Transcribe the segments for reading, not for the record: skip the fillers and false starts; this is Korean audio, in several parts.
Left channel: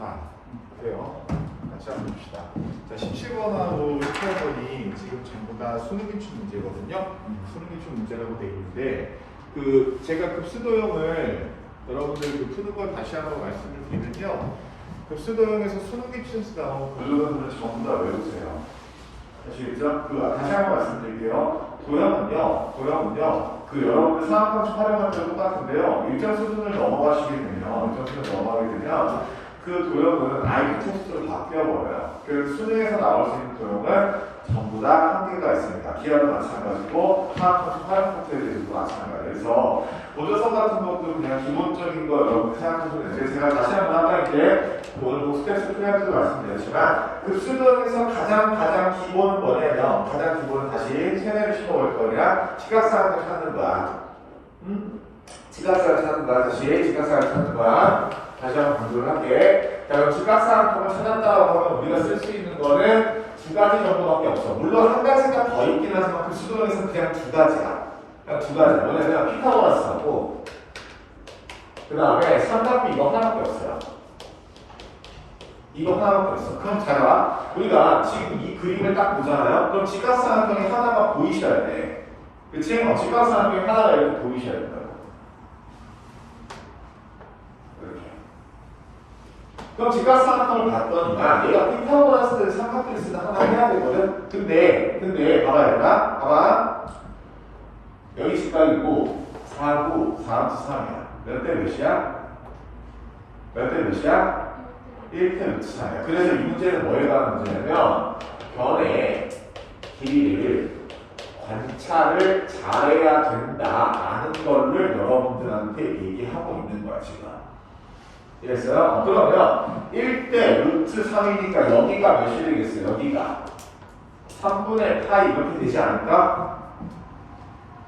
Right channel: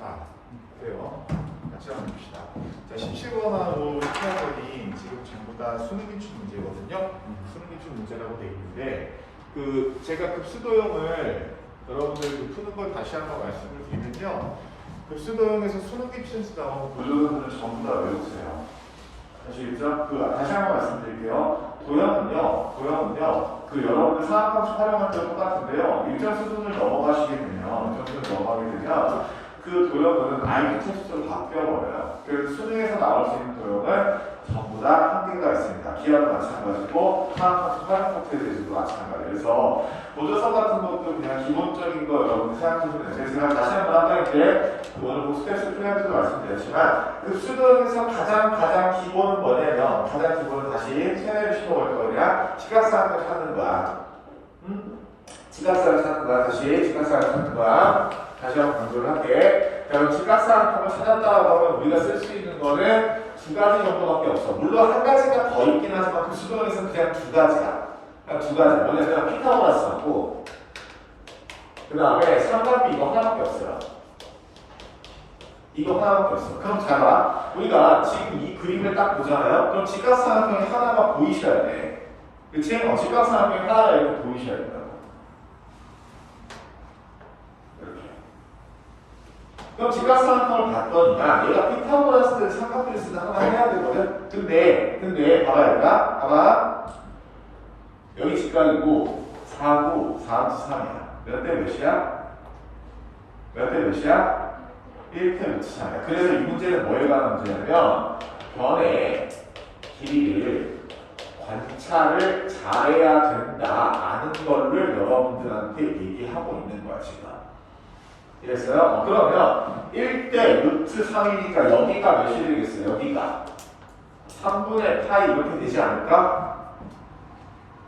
자, 그래요. 같이 한번 봅시다. 자, 17번하고 18번이 지금 전부 다 수능기출 문제거든요. 수능기출 문제라고 되어 있는데, 제가 급수도형을 여러분들 푸는 걸 다시 한번 말씀을 드리면요. 급수도형에서 수능기출에서 나온 구조형들을 전부 다 외우세요. 다시 한번 말씀드릴게요. 도형은요, 여러분들 상학방식 활용할 때 똑같은데요. 일정 수준을 넘어가게 되면, 그 도형은 IQ 테스트로 바뀌어버려요. 그래서 수능에서 나올 수 있는 도형은 전부 다 한계가 있습니다. 기하도 마찬가지고, 상학방식 활용 상태에 대해서도 마찬가지예요. 그래서, 보조성 같은 것도 그냥 기본적인 거 여러분 생각하시면 제가 다시 한번 이렇게 오늘 스텝스 플랜도 말씀드렸지만 급수도형에서 가장 기본 뭐냐면 가장 기본은 다시 세뇌를 심어볼 거냐 시각사각을 찾는 거야. 시각사각을 찾는 거야. 시각사각을 찾는 거야. 다시 한번 강조를 할게. 자, 그럼 시각사각통을 찾았다고 하면 우리가 쓸 수 있는 거는 두 가지 정도밖에 없어. 물론 한 가지가 더 있긴 하지만 급수도형에서 그냥 두 가지야. 두 가지. 뭐냐면 피타고라스하고 그 다음에 삼각비 이거 하나밖에 없어요. 이거 하나밖에 없어. 그럼 잘 봐. 우리가 지금 이 그림을 딱 보잖아요. 그럼 직각삼각형이 하나가 보이셔야 돼. 그치? 직각삼각형이 하나가 이렇게 보이셔야 돼요. 이렇게. 그럼 직각삼각형을 봤더니 얘가 피타고라스를 삼각비를 하나 해야 되거든. 근데 봐봐. 여기 직각이고 4고 4함수 3이야. 몇 대 몇이야? 1대 루트 3이야. 그래서 이 문제는 뭐에 관한 문제냐면 변의 길이를 관찰을 잘해야 된다라는 거를 여러분들한테 얘기하고 있는 거야 지금. 이랬어요? 그러면 1대 루트 3이니까 여기가 몇이 되겠어요? 여기가 3분의 파이 이렇게 되지 않을까?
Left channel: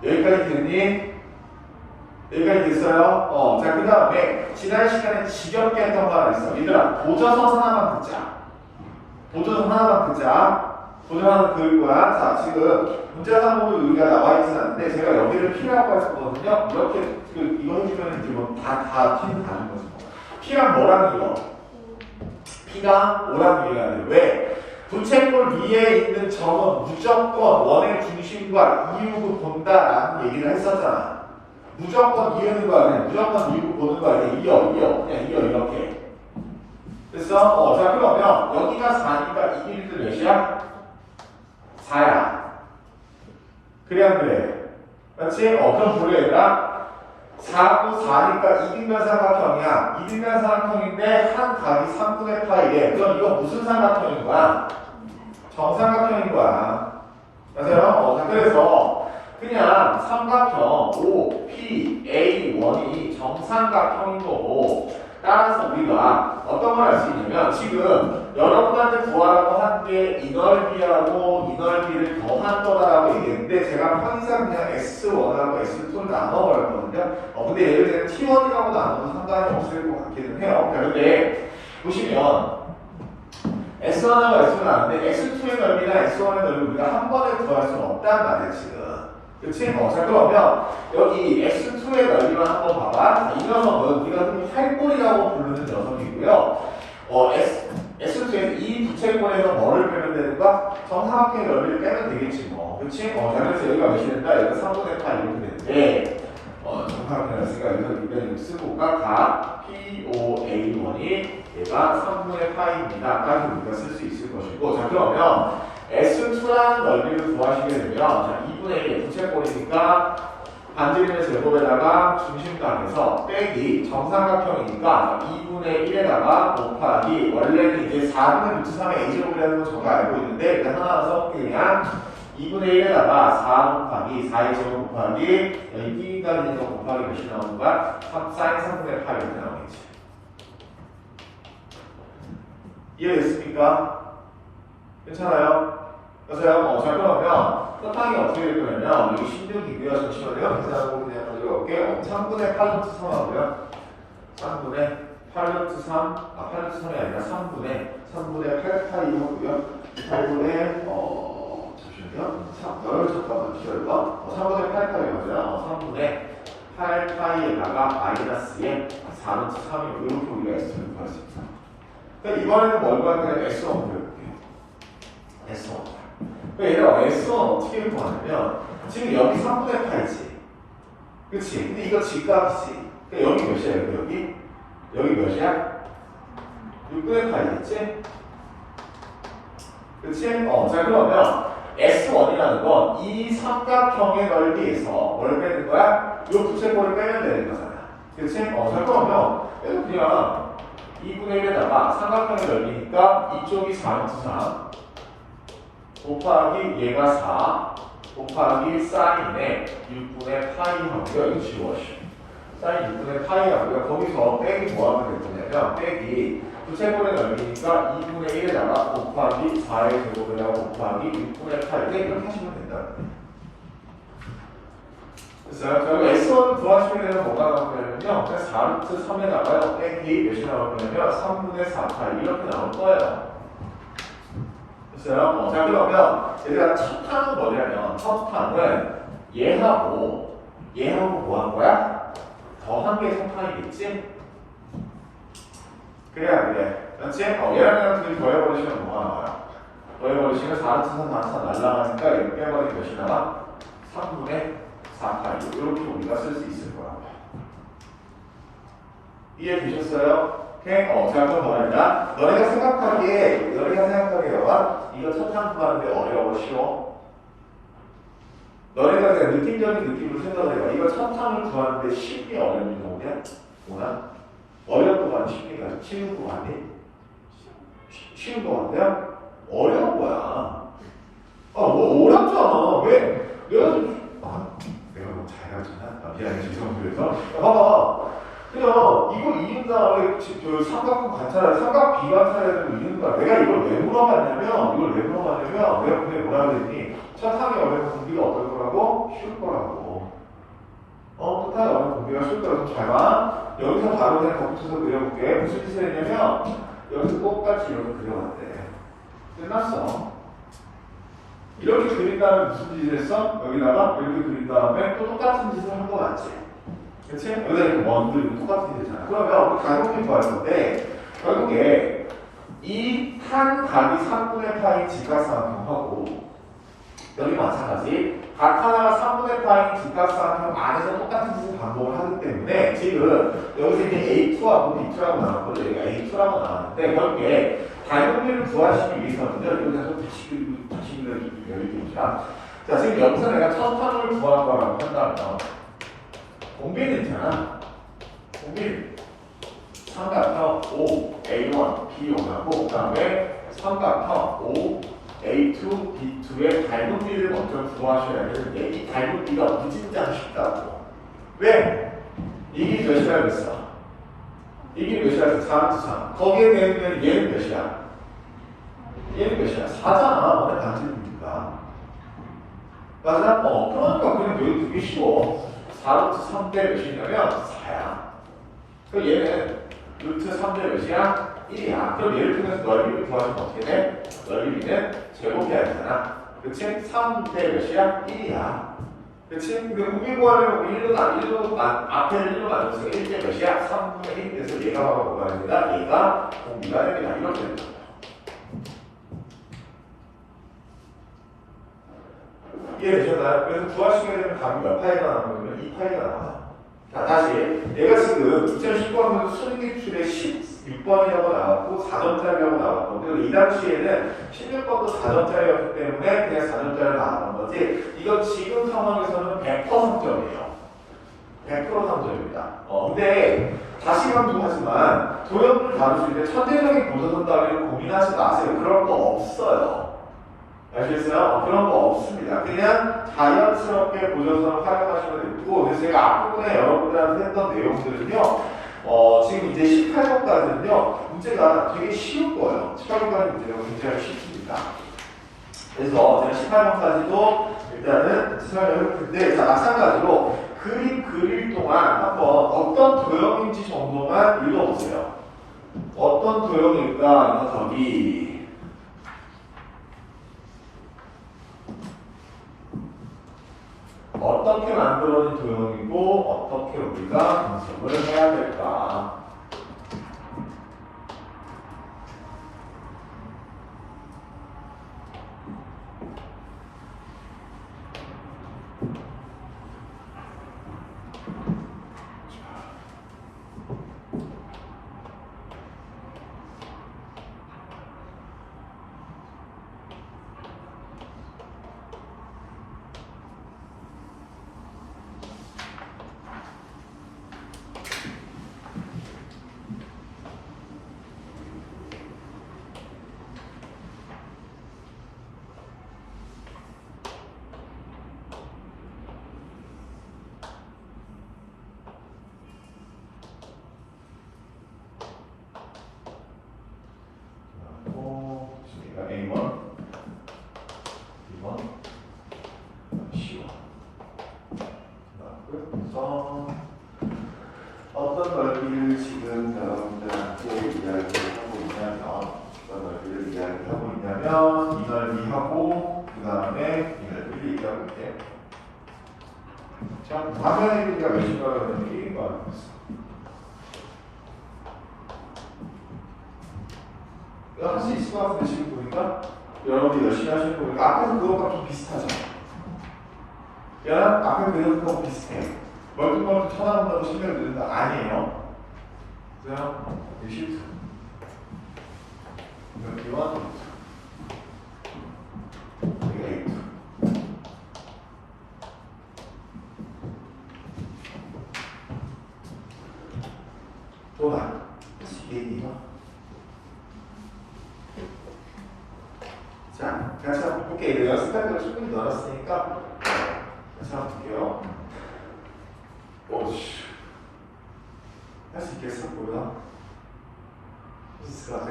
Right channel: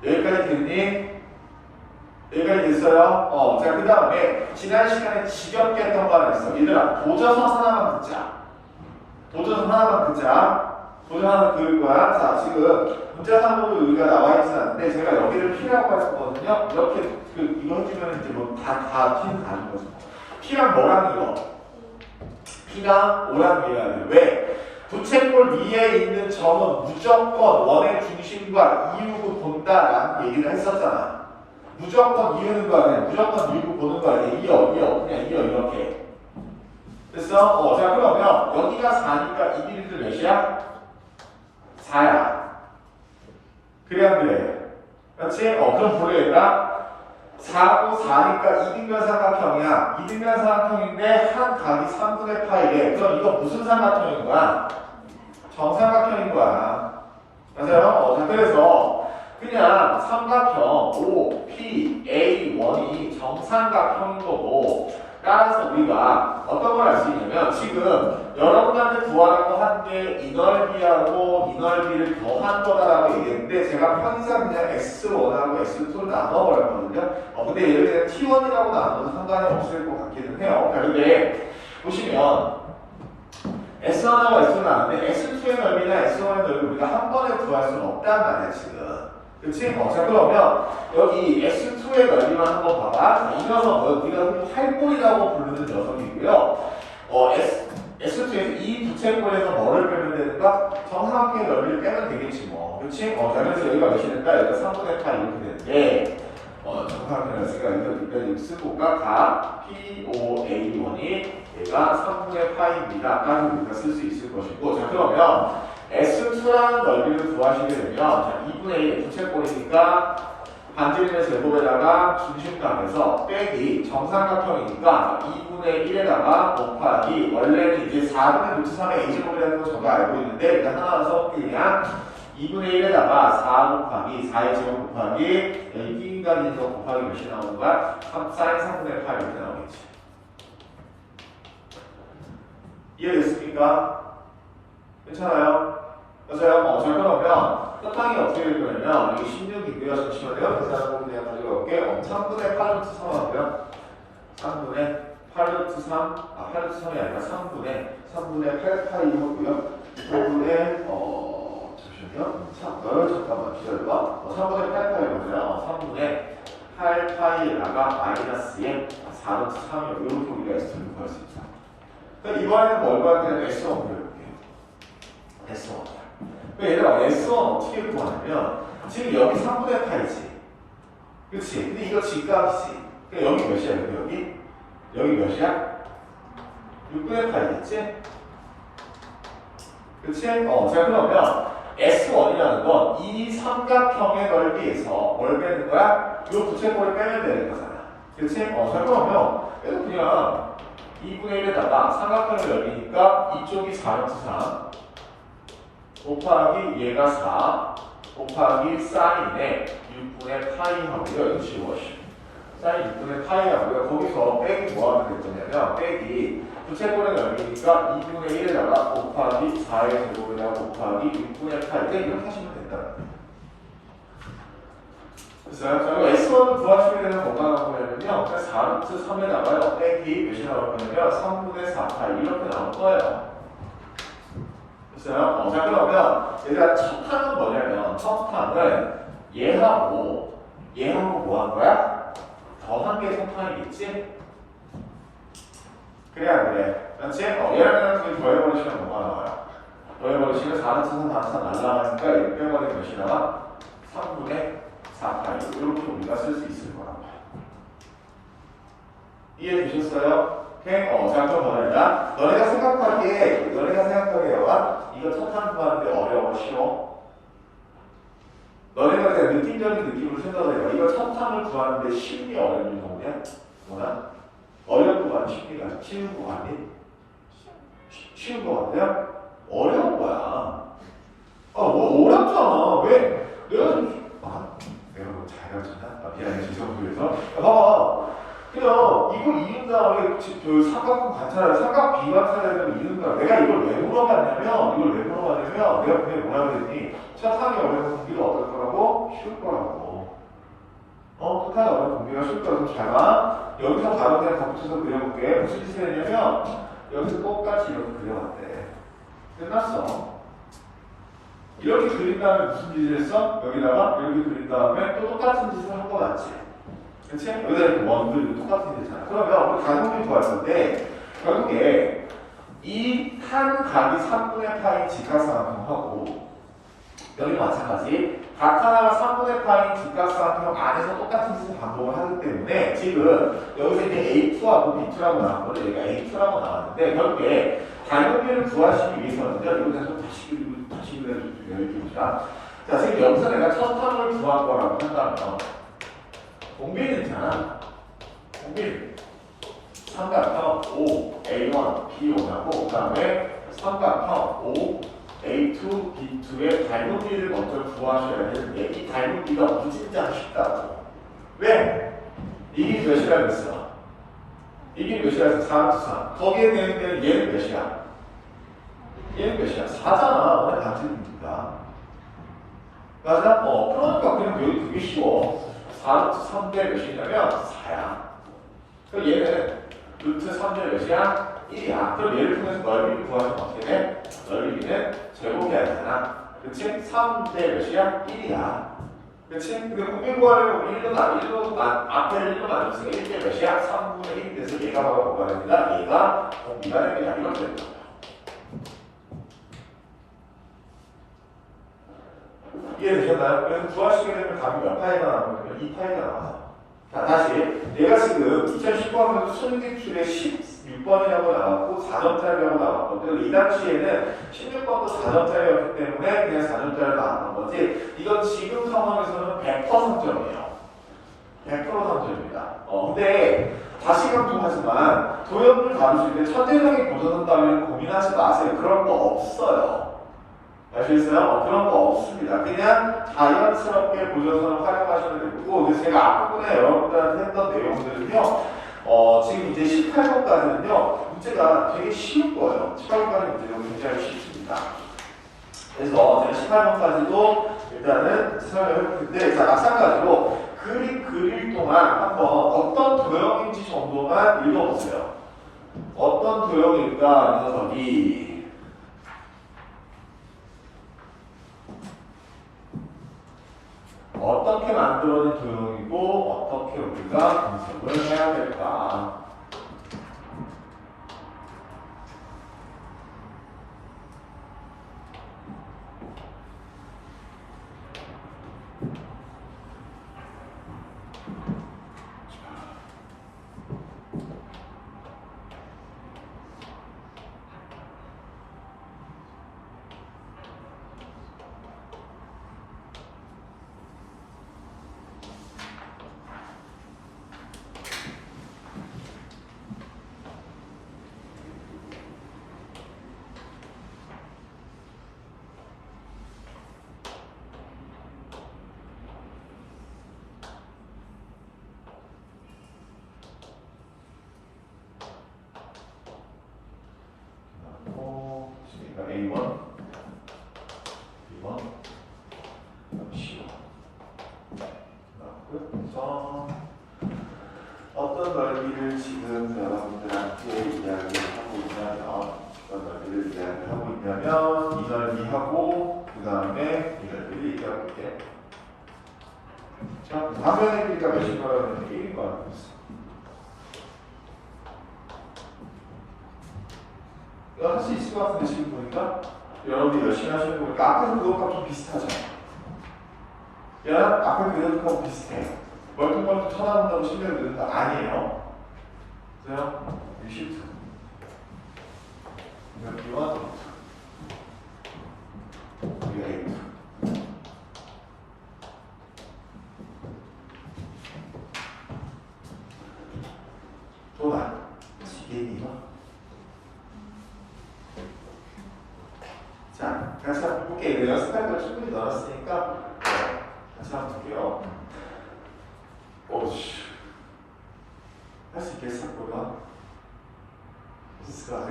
여기까지 됐니? 여기까지 됐어요? 자, 그 다음에 지난 시간에 지겹게 했던 거 하나 있어. 얘들아, 도저선 하나만 긋자. 도저선 하나만 긋자. 도저선 그릴 거야. 자, 지금 문제 3으로 여기가 나와 있었는데 제가 여기를 P라고 했었거든요. 이렇게 이거 해주면 이제 뭐 다 P는 다른 거죠. P랑 뭐랑 이거? P랑 뭐랑 이해가 돼? 왜? 부채꼴 위에 있는 점은 무조건 원의 중심과 이유를 본다라는 얘기를 했었잖아. 무조건 이유는 거 아니야. 무조건 이유 보는 거 아니야. 이어. 그냥 이어 이렇게. 그래서 자 그러면 여기가 4니까 이 길이들 몇이야? 4야. 그래 안 그래? 맞지? 그럼 보래 얘들아. 4고 4니까 이등변 삼각형이야. 이등변 삼각형인데 한 각이 3분의 파이래. 그럼 이거 무슨 삼각형인 거야? 정삼각형인 거야. 맞아요? 그래서 그냥 삼각형 OPA1이 정삼각형인 거고 따라서 우리가 어떤 걸 알 수 있냐면 지금 여러분한테 구하라고 한 게 이 넓이하고 이 넓이를 더한 거다라고 얘기했는데 제가 편의상 그냥 S1하고 S2를 나눠버렸거든요. 근데 예를 들면 T1이라고 나눠도 상관이 없을 것 같기는 해요. 근데 보시면 S1하고 S2는 아는데 S2의 넓이나 S1의 넓이 우리가 한 번에 구할 수는 없단 말이야 지금. 그렇지? 자 그러면 여기 S2의 넓이만 한번 봐봐. 자, 이 녀석은 우리가 흔히 활골이라고 부르는 녀석이고요. S2에서 이 부채꼴에서 뭐를 빼면 되는가? 정삼각형의 넓이를 빼면 되겠지 뭐. 그렇지? 그래서 여기가 몇이 된다? 여기가 3분의 8 이렇게 되는데 정삼각형을 쓰니까 여기서 쓰고가 다 POA1이 얘가 3분의 파입니다. 까지 우리가 쓸 수 있을 것이고 자 그러면 S2라는 넓이를 구하시게 되면 자 2분의 1 부채꼴이니까 반지름의 제곱에다가 중심각에서 빼기 정삼각형이니까 2분의 1에다가 곱하기 원래는 이제 4분의 루트 3의 a제곱이라는 건 저가 알고 있는데 일단 하나 써볼게 그냥 2분의 1에다가 4 곱하기 4의 제곱 곱하기 여기 B인간에서 곱하기 몇이 나오는 거야? 3sin 3분의 8 이렇게 나오겠지. 이해됐습니까? 괜찮아요? 맞아요? 자 그러면 끝항이 어떻게 되냐면 여기 16이고요. 잠시만요. 계산하고 그냥 가져올게요. 3분의 8루트 3 하고요. 3분의 8루트 3 8루트 3이 아니라 3분의 8파이 하고요. 8분의 잠시만요. 잠깐만 기다려봐. 3분의 8파이거든요. 3분의 8파이에다가 마이너스에 4루트 3이 이렇게 우리가 S를 구할 수 있어요. 그러니까 이번에는 뭘 구하냐면 S1을 해볼게요. S1. 그러니까 얘가 S1 어떻게 구하냐면 지금 여기 3분의 8이지. 그치? 근데 이거 G값이지. 그러니까 여기 몇이야? 여기 몇이야? 6분의 8이겠지? 그치? 자 그러면 S1이라는 건 이 삼각형의 넓이에서 뭘 빼는 거야? 이 부채꼴을 빼면 되는 거잖아. 그치? 자 그러면 그래서 그냥 2분의 1에다가 삼각형의 넓이니까 이쪽이 4x 3 곱하기 얘가 4 곱하기 사인에 6분의 파이 하고요. 이거 지워. 사인 6분의 파이 하고요. 거기서 빼기 뭐 하면 되겠냐면 빼기 부채꼴의 넓이니까 2분의 1에다가 곱하기 4의 제곱에다가 곱하기 6분의 8 이렇게 하시면 된다. 됐어요? 저희가 S1 구하시게 되면 뭐가 나오냐면요. 4루트 3에다가요. 빼기 몇이 나오냐면 3분의 4 파이 이렇게 나올 거예요. 됐어요? 자 그러면 얘들아 첫 판은 뭐냐면 첫 판은 얘하고 뭐 한 거야? 더한 개 성판이겠지? 그래 안 그래? 그렇지? 얘랑 둘이 더해버리시면 뭐 하는 거야? 더해버리시면 4는 4는 날라가니까 이렇게 빼버리면 몇이 나와? 3분의 4파이 이렇게 우리가 쓸 수 있을 거야. 이해되셨어요? 자 그럼 뭐냐? 너네가 생각하기에 너가 이거 천상 구하는데 어려워 싫어? 너네가 그냥 느낌적인 느낌으로 생각해봐. 이거 천상을 구하는데 쉽니 어렵니 뭐냐? 뭐나? 어려운 거 아니 쉽니가 쉬운 거 아니? 쉬운 거 같냐? 어려운 거야. 뭐 어렵잖아. 왜? 내가 뭐 잘하잖아. 미안해 죄송합니다. 봐봐. 그냥 이거 이긴 다음에 그 삼각형 관찰을 삼각 비관찰해서 이긴 다음에 내가 이걸 왜 물어봤냐면 내가 그냥 뭐라 그랬니? 천상의 어려운 공비가 어떨 거라고? 쉬울 거라고. 천상의 어려운 공비가 쉬울 거라고. 잘 봐. 여기서 바로 그냥 덧붙여서 그려볼게. 무슨 짓을 했냐면 여기서 똑같이 이렇게 그려봤대. 끝났어. 이렇게 그린 다음에 무슨 짓을 했어? 여기다가 이렇게 그린 다음에 또 똑같은 짓을 한 거 맞지? 그치? 여기다 이렇게 원들이 똑같이 되잖아. 그러면 우리 가격이 구할 건데 결국에 이 한 각이 3분의 파이 직각삼각형하고 여기 마찬가지 각 하나가 3분의 파이 직각삼각형 안에서 똑같은 짓을 반복을 하기 때문에 지금 여기서 이제 A2하고 B2라고 나왔고 여기가 A2라고 나왔는데 결국에 가격을 구하시기 위해서는요. 여기서 좀 다시 그려주시면 자 지금 여기서 내가 첫 판을 구한 거라고 한다면 공비는 있잖아. 공비는 삼각형 O, A1, B1하고 그 다음에 삼각형 O, A2, B2의 닮은비를 먼저 구하셔야 되는데 이 닮은비가 무진장 쉽다고. 왜? 이게 몇이라 그랬어? 이게 몇이라 그랬어? 4, 거기에 대한 얘는 몇이야? 얘는 몇이야? 4잖아. 근데 반지름이니까. 맞아? 그러니까 그냥 여기 되게 쉬워. 4루트 3대 몇이냐면 4야. 그럼 얘는 루트 3대 몇이야? 1이야. 그럼 얘를 통해서 넓이를 구하면 어떻게 돼? 넓이는 제곱이 아니잖아. 그치? 3대 몇이야? 1이야. 그치? 근데 공비 구하려면 1로 앞에를 1로 나눠서 1대 몇이야? 3분의 1. 그래서 얘가 뭐가 됩니다? 얘가 공비가 됩니다. 이렇게 됩니다. 이해되셨나요? 그래서 구하시게 되면 값이 몇 파이가 나오면 2파이가 나와요. 자, 다시. 얘가 지금 2019학년도 수능기출에 16번이라고 나왔고 4점짜리라고 나왔고 그리고 이 당시에는 16번도 4점짜리였기 때문에 그냥 4점짜리로 나왔던 거지 이건 지금 상황에서는 100% 3점이에요. 100% 3점입니다. 근데 다시 강조하지만 도형을 다루실 때 천재적인 고전을 따위는 고민하지 마세요. 그런 거 없어요. 아시겠어요? 그런 거 없습니다. 그냥 자연스럽게 고전선을 활용하시면 되고 그래서 제가 앞부분에 여러분들한테 했던 내용들은요 지금 이제 18번까지는요 문제가 되게 쉬운 거예요. 18번까지 문제가 굉장히 쉽습니다. 그래서 제가 18번까지도 일단은 설명을 해볼 텐데 자 마찬가지로 그림 그릴 동안 한번 어떤 도형인지 정도만 읽어보세요. 어떤 도형일까 이 녀석이 어떻게 만들어진 도형이고 어떻게 우리가 분석을 해야 될까? 하고 그 다음에 이걸 얘기하고 있대. 자, 마지막 얘기가 몇인 거라는 얘기인 거 알고 있어. 할 수 있을 것 같은데 지금 보니까 여러분들 열심히 하시는 거 보니까 아까 그것과 좀 비슷하죠? 야, 아까 그것하고 비슷해. 멀뚱멀뚱 쳐다본다고 신뢰를 듣는다? 아니에요. 그래요? 이게 실수. 이렇게 와도 이게 또 나. 이게요. 자, 같이 한번 볼게요. 연습할 충분히 넣었으니까 같이 한번 볼게요. 오씨, 할 수 있겠어? 뭐야? 있을 것 같아?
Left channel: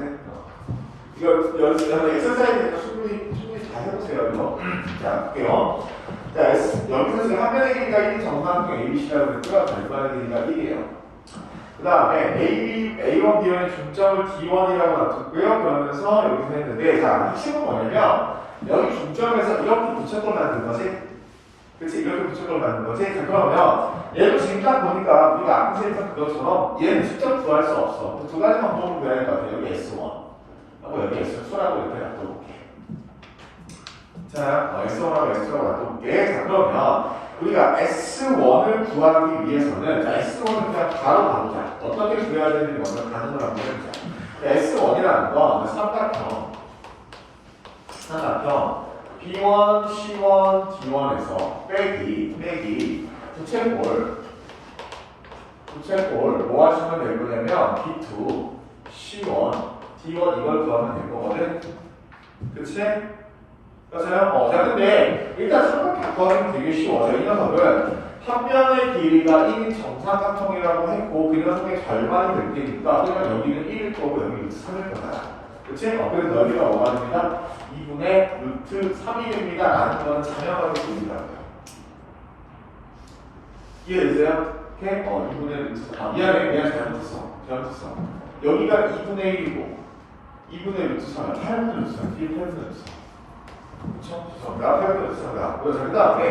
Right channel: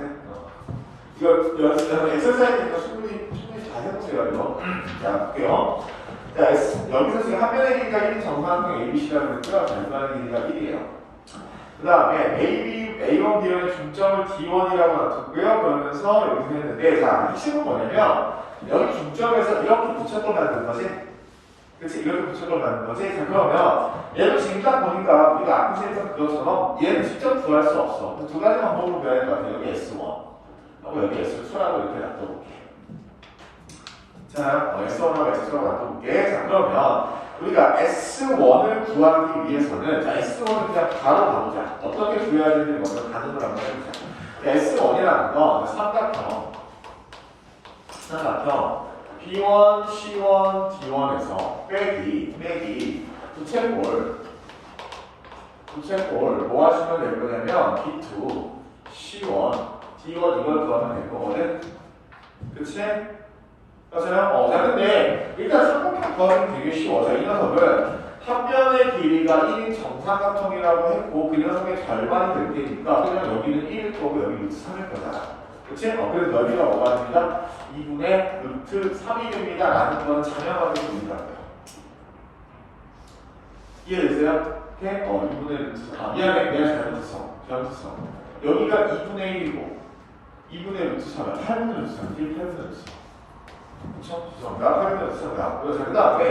이거 엑서사이즈니까 충분히 잘 해보세요. 이거. 자, 볼게요. 자, 여기서 지금 한 면의 길이가 1이 정사각형 ABC라고 했죠? 절반의 길이가 1이에요. 그 다음에 A1, B1의 중점을 D1이라고 놔뒀고요. 그러면서 여기서 했는데, 자, 핵심은 뭐냐면, 여기 중점에서 이렇게 붙여서 만든 거지? 그치? 이렇게 붙여서 만든 거지? 자, 그러면, 얘도 지금 딱 보니까, 우리가 앞에서 했던 그것처럼, 얘는 직접 구할 수 없어. 두 가지 방법으로 구해야 될 것 같아요. 여기 S1. 하고 여기 S2라고 이렇게 놔둬볼게. 자, S1하고 S2라고 놔둬볼게. 자, 그러면, 우리가 S1을 구하기 위해서는, 자, S1을 그냥 바로 가보자. 어떻게 구해야 되는지 먼저 가는 거라고 해보자. S1이라는 건 삼각형 B1, C1, D1에서 빼기 부채꼴 뭐 하시면 될 거냐면 B2, C1, D1 이걸 구하면 될 거거든. 그치? 맞아요? 자, 근데 일단 삼각형 구하기는 되게 쉬워. 이 녀석은 한 면의 길이가 1인 정삼각형이라고 했고 그 녀석의 절반이 될 테니까 그러면 여기는 1일 거고 여기는 3일 거다. 그치? 그래서 여기가 뭐가 됩니다? 2분의 루트 3일입니다 라는 거는 자명하게 보입니다. 이해되세요? 오케이? 2분의 루트 3. 미안해 잘못했어. 여기가 2분의 1이고 2분의 루트 3은 8분의 루트 3. 뒤에 8분의 루트 3. 그쵸? 죄송합니다. 그래서 그 다음에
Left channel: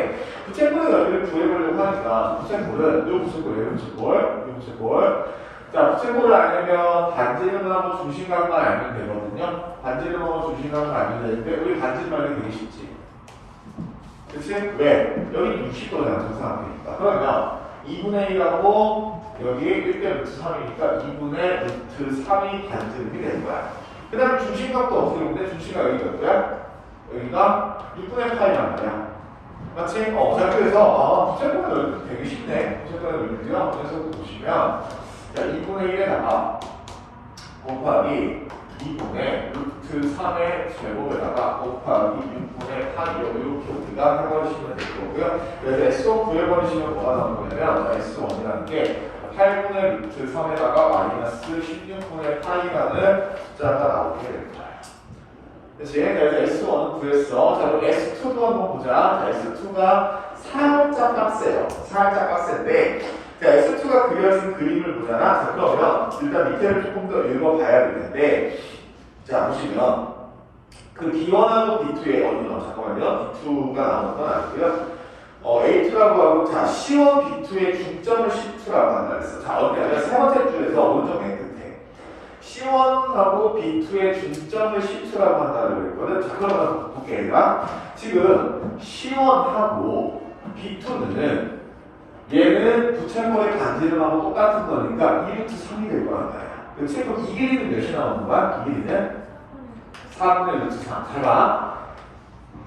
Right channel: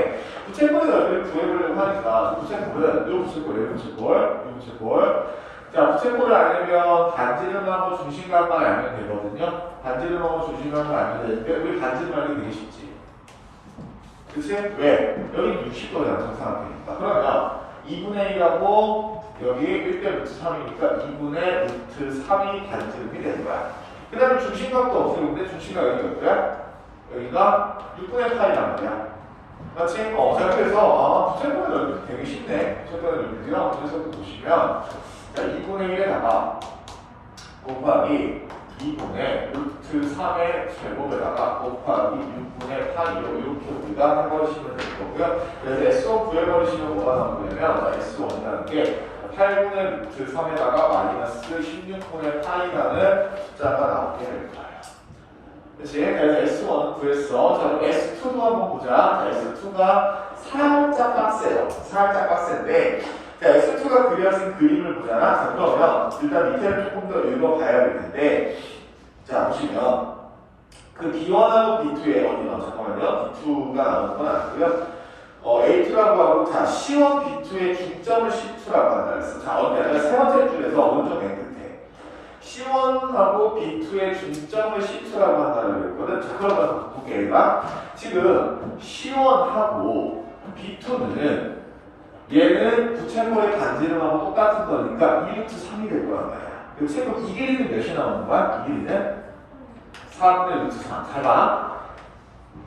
부채꼴의 넓이를 구해보려고 하니까 부채꼴은 이 부채꼴 자, 부채꼴을 알려면 반지름하고 중심각만 알면 되거든요. 반지름하고 중심각만 알면 되는데 우리 반지름 알기 되게 쉽지. 그치? 왜? 여기 60도잖아, 정사각형이니까. 그러면 2분의 1하고 여기 1대 루트 3이니까 2분의 루트 3이 반지름이 되는 거야. 그 다음에 중심각도 어떻게 보는데 중심각 여기가 어때요? 여기가 6분의 파이란 말이야. 맞지? 자, 그래서 부채꼴의 넓이 되게 쉽네. 부채꼴의 넓이요. 그래서 보시면 자, 2분의 1에다가 곱하기 2분의 루트 3의 제곱에다가 곱하기 6분의 8이요. 이렇게 우리가 해버리시면 될 거고요. 그래서 S1 구해버리시면 뭐가 나올 거냐면 S1이라는 게 8분의 루트 3에다가 마이너스 16분의 8이라는 숫자가 나오게 됩니다. 그치? 그래서 S1은 구했어. 자, 그럼 S2도 한번 보자. 자, S2가 살짝 빡세요. 살짝 빡센데, 자, S2가 그려진 그림을 보잖아. 자, 그러면 일단 밑에를 조금 더 읽어봐야 되는데, 자, 보시면 그 B1하고 B2에 어디요? 잠깐만요. B2가 나오는 건 아니고요. A2라고 하고, 자, C1, B2의 중점을 C2라고 한다 그랬어. 자, 어디냐? 세 번째 줄에서 오른쪽 맨 끝에. C1하고 B2의 중점을 C2라고 한다고 그랬거든. 자, 그러면 볼게. 지금 C1하고 B2는 얘는 부채꼴의 반지름하고 똑같은 거니까 2루트 3이 될 거란 말이야. 그치? 그럼 이 길이는 몇이 나오는 거야? 이 길이는 4분의 루트 3. 잘 봐.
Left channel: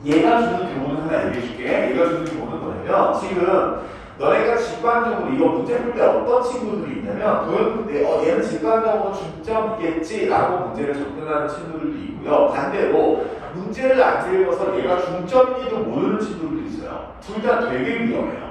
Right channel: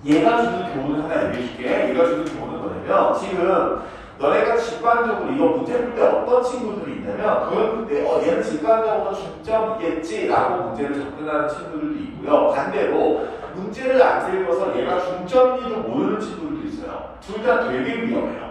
얘가 주는 교훈을 하나 얘기해줄게. 얘가 주는 교훈은 뭐냐면 지금 너네가 직관적으로 이거 문제 풀 때 어떤 친구들이 있냐면 도형 풀 때 얘는 직관적으로 중점이겠지라고 문제를 접근하는 친구들도 있고요. 반대로 문제를 안 읽어서 얘가 중점인지도 모르는 친구들도 있어요. 둘 다 되게 위험해요.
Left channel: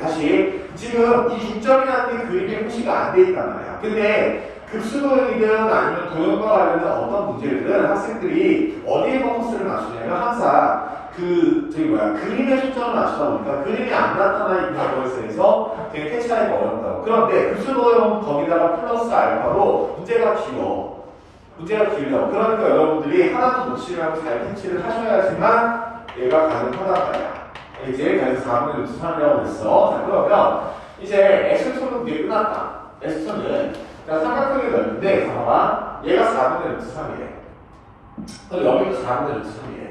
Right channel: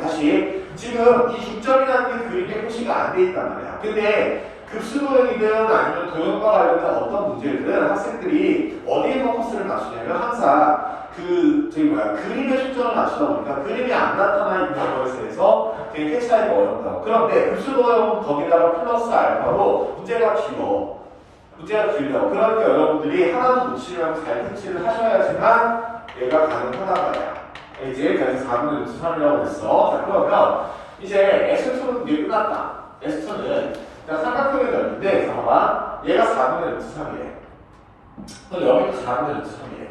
다시 지금 이 중점이라는 게 그림에 표시가 안 돼 있단 말이야. 근데 급수도형이든 아니면 도형과 관련된 어떤 문제든 학생들이 어디에 포커스를 맞추냐면 항상 그림에 초점을 맞추다 보니까 그림이 안 나타나 있는 것에 대해서 되게 캐치하기가 어렵다고. 그런데 급수도형 거기다가 플러스 알파로 문제가 길어. 문제가 길죠. 그러니까 여러분들이 하나도 놓치려고 잘 캐치를 하셔야지만 얘가 가능하단 말이야. 이제 그래서 4분의 루트 3이라고 했어. 자, 그러면 이제 S초는 이제 끝났다. S초는 자, 삼각형이 넓은데 잠깐만 얘가 4분의 루트 3이래. 그럼 여기도 4분의 루트 3이래.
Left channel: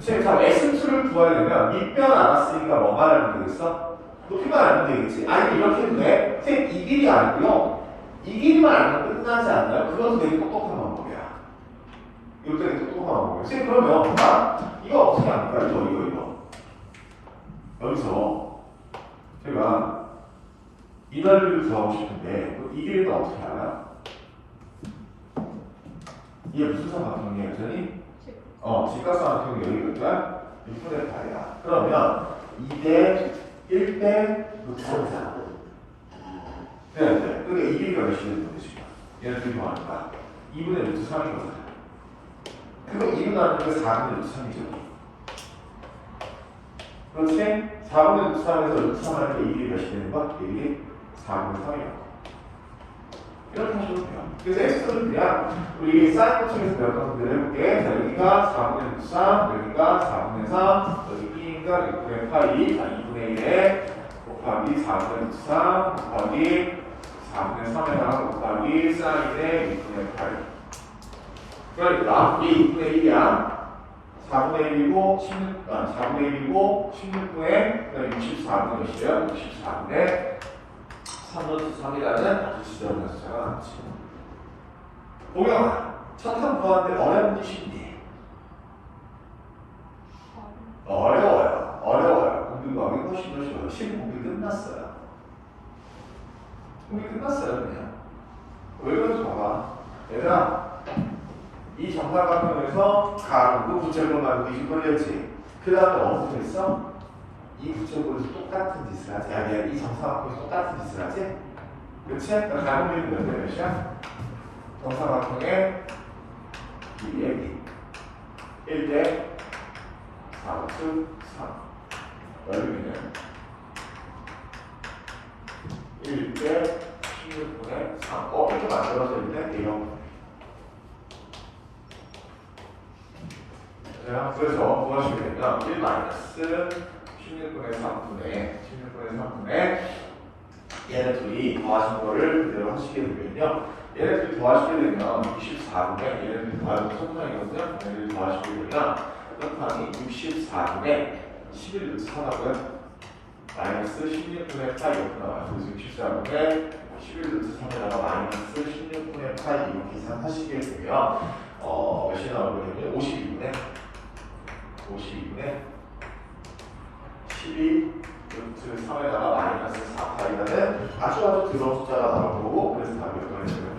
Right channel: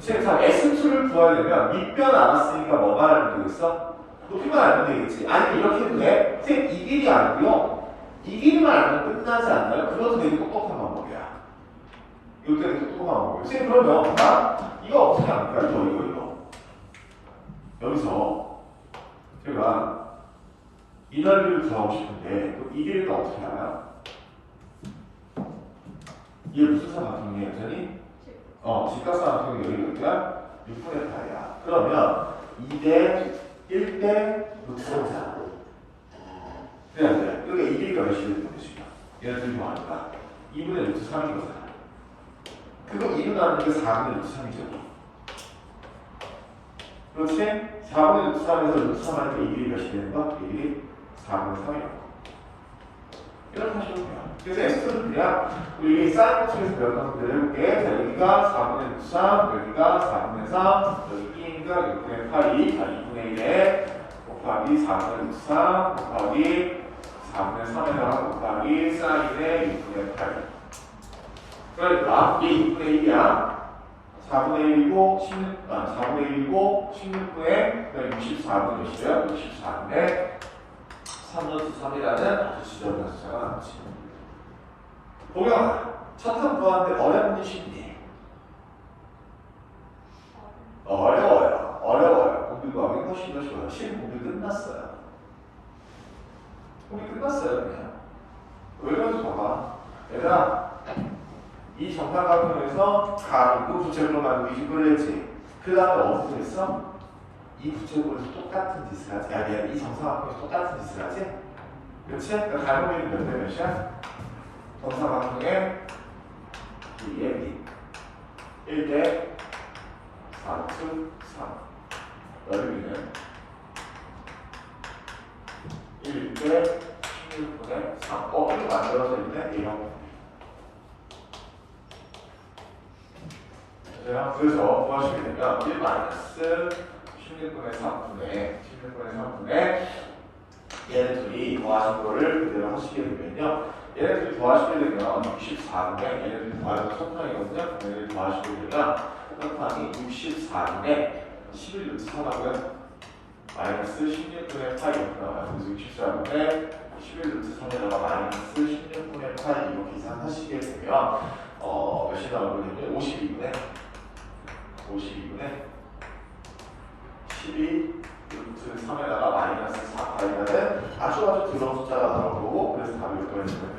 지금 자, S초를 구하려면 밑변 알았으니까 뭐가 알면 되겠어? 높이만 알면 되겠지. 아니 이렇게 해도 돼. 선생님 이 길이 아니고요. 이 길이만 알면 끝나지 않나요? 그것도 되게 똑똑한 방법이야. 이거 되게 똑똑한 방법이야. 선생님 그러면 이거 어떻게 합니까? 이거. 여기서 제가 이 넓이를 구하고 싶은데 이 길이는 어떻게 알아요? 이게 무슨 삼각형이에요, 선생님? 직각삼각형이 여기가 6분의 8이다. 그러면 2대 1대 루트 3이잖아. 네. 그게 이 길이가 몇이 되는 거지? 얘를 들고 하니까 2분의 루트 3인 거잖아. 그거 2분 나누는 게 4분의 루트 3이죠. 그렇지? 4분의 루트 3에서 루트 3 할 때 이 길이 몇이 되는 거? 이 길이 4분의 3이에요. 이렇게 하시면 돼요. 그래서 X는 그냥 우리 사인 코팅에서 배웠던 그대로 해볼게. 자, 여기가 4분의 루트 3, 여기가 4분의 3, 여기 B니까 6분의 8이 2분의 1에 곱하기 4분의 루트 3 곱하기 4분의 3에다가 곱하기 사인의 6분의 8. 그러니까 이게 2분의 1이야. 4분의 1이고 4분의 1이고 16분의 64분의 몇이에요? 64분의 3루트 3이라는 지점의 숫자가 나오지. 보면 천상 구하는데 어려운 게 쉽니? 어려워요. 공부 구하기 훨씬 더 쉬워요. 공부 끝났어요. 공부 끝났어요 그냥. 왜 그런지 봐봐. 얘들아 이 정사각형에서 가로 부채꼴로 나누고 이꼴로 했지. 그 다음에 어디서 했어? 이 부채꼴에서 똑같은 짓을 하지. 아니야 이 정사각형에서 똑같은 짓을 하지. 그렇지? 그러니까 가로면이 몇 대 몇이야? 정사각형의 2의 1대 4루트 3 넓이는 1대 16분의 3 이렇게 만들어져 있는 A형. 자, 그래서 구하시게 되면 1 마이너스 16분의 3분의 얘네 둘이 더하신 거를 그대로 하시게 되면요. 얘네 둘이 더하시게 되면 64분의 얘네 둘이 더하시면 손정이거든요. 얘네 둘이 더하시게 되면 곱하기 64분의 11루트 3하고요. 마이너스 16분의 8 이렇게 나와요. 그래서 64분의 11루트 3에다가 마이너스 16분의 8 이렇게 계산하시게 되면 몇이 나오거든요? 52분의 12 루트 3에다가 마이너스 4파이라는 아주 더러운 숫자가 나올 거고 그래서 답이 이거는 이거는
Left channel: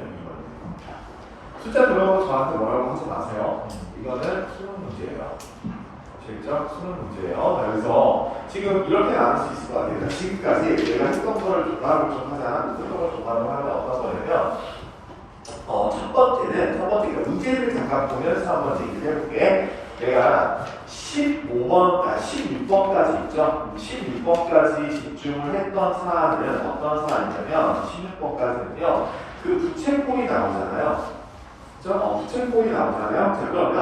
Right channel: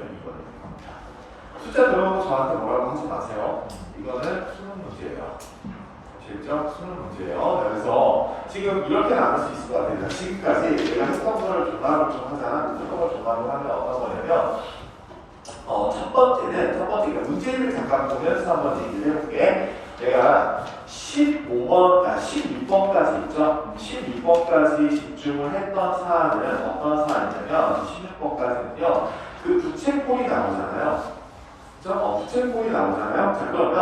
숫자 들어온 거 저한테 뭐라고 하지 마세요. 이거는 수능 문제예요. 아시겠죠? 수능 문제예요. 그래서 지금 이렇게 나눌 수 있을 것 같아요. 지금까지 내가 했던 거를 조합을 좀 하자. 했던 거를 조합을 하면 어떤 거냐면 첫 번째가 문제를 잠깐 보면서 한번 얘기를 해볼게. 내가 16번까지 있죠? 16번까지 집중을 했던 사안은 어떤 사안이냐면 16번까지는요 그 부채꼴이 나오잖아요. 그죠? 부채꼴이 나오잖아요. 자, 그러면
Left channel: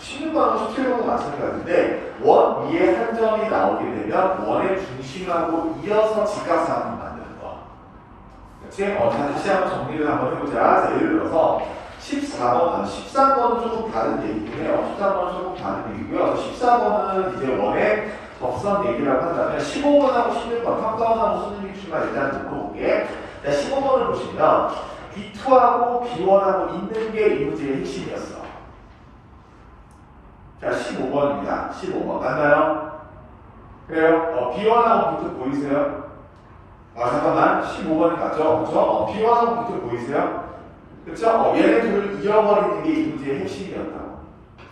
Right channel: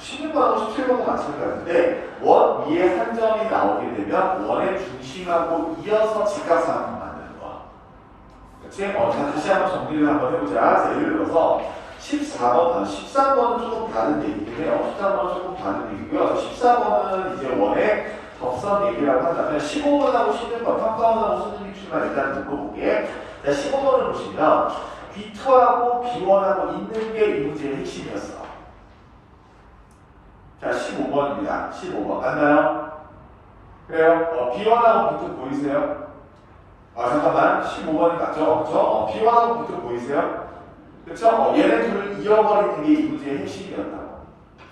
16번하고 17번도 마찬가지인데 원 위에 한 점이 나오게 되면 원의 중심하고 이어서 직각삼각형을 만드는 거. 그치? 다시 한번 정리를 한번 해보자. 자, 예를 들어서 13번은 조금 다른 얘기긴 해요. 13번은 조금 다른 얘기고요. 14번은 이제 원의 접선 얘기라고 한다면 15번하고 16번, 평가원하고 수능 기출만 일단 놓고 보게. 자, 15번을 보시면 B2하고 B1하고 있는 게 이 문제의 핵심이었어. 자, 15번입니다. 15번. 맞나요? 그래요? B1하고 B2 보이세요? 잠깐만. 15번이 맞죠? 그쵸? B1하고 B2 보이세요? 그쵸? 얘네 둘을 잃어버리는 게 이 문제의 핵심이었다고.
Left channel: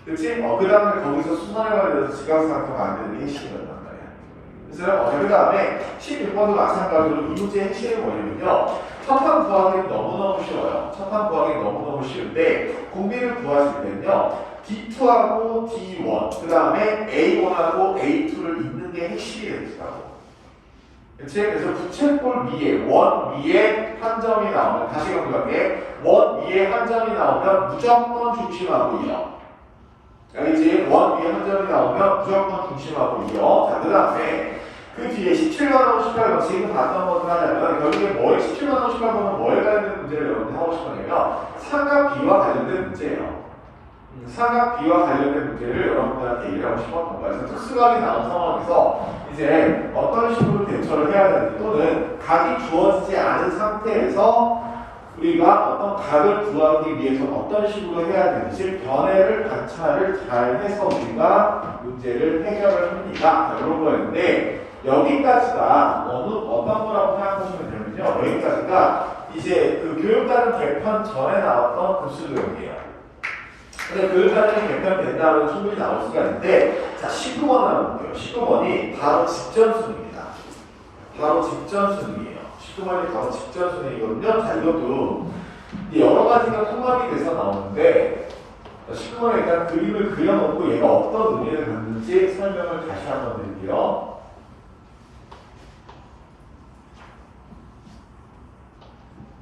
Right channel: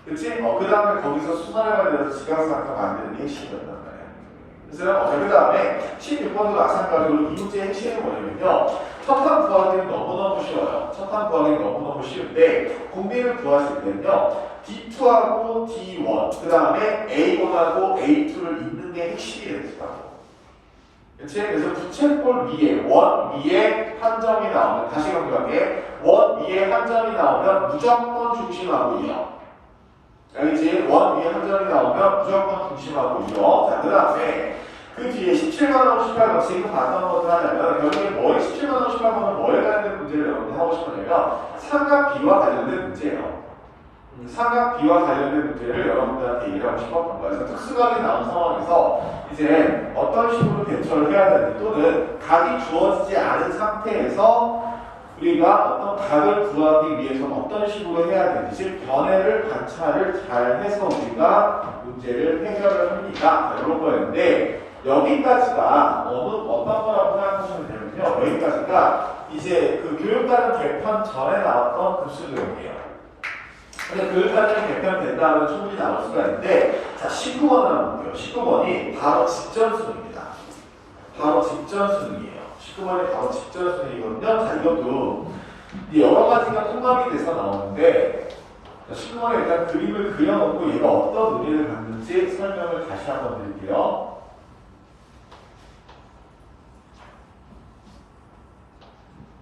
그치? 그 다음에 거기서 순환에 관련해서 지각삼각형 만드는 게 핵심이었단 말이야. 그래서 그 다음에 16번도 마찬가지로 이 문제의 핵심은 뭐냐면요. 첫판 구하기는 너무너무 쉬워요. 첫판 구하기는 너무너무 쉬운데 공비를 구하실 때는요. D2하고 D1, 그 다음에 A1하고 A2를 잇는 게 핵심이 되더라고. 그치? 그래서 부채꼴 위에, 원 위에 한 점이 나오면, 다시 강조할게. 원 위에 한 점이 나오면 무조건 중심하고 이어. 알겠지? 원 위에 한 점이 나오면 무조건 중심하고 이어. 자, 그 다음에 그 뒤에 17번하고 18번, 지금 봤던 것을 하려면, 결국에 뭐에 17번하고 18번은 뭐에 관련된 문제를 여러분 하고 싶으냐면, 상하 B와 관련된 문제예요. 상하 B와 관련된 문제를 여러분들한테 얘기하고 싶었던 거예요. 그래서 특수각이 나온 상황에서 이제 어떤 식으로 대처를 해야 되는지 또는 각이 주어지지 않은 상태에서 우리가 어떤 각을 구하기 위해서는 어떤 식으로 해야 되는지 변해를 관찰을 잘 해서 우리가 문제를 해결을 합니다. 이런 거였는데 여기까지가 어떤 거라고 생각하시면 되면요. 여기까지가 이제 그 교육과정 개편 전에 나왔던 급수교육이에요. 근데 교육과정이 개편된다고 충분히 나올 수가 있는데, 자, 19번 나올게요. 19번이 바로 직전 수능입니다. 바로 직전 수능이에요. 19번이 바로 직전 수능이거든요. 자, 이것도 여러 가지가 통합이 돼서 나오는데, 19번에 일단 그림을 그려놓고 얘가 어떤 의미를 갖는지 설명을 다시 한번 드릴게요.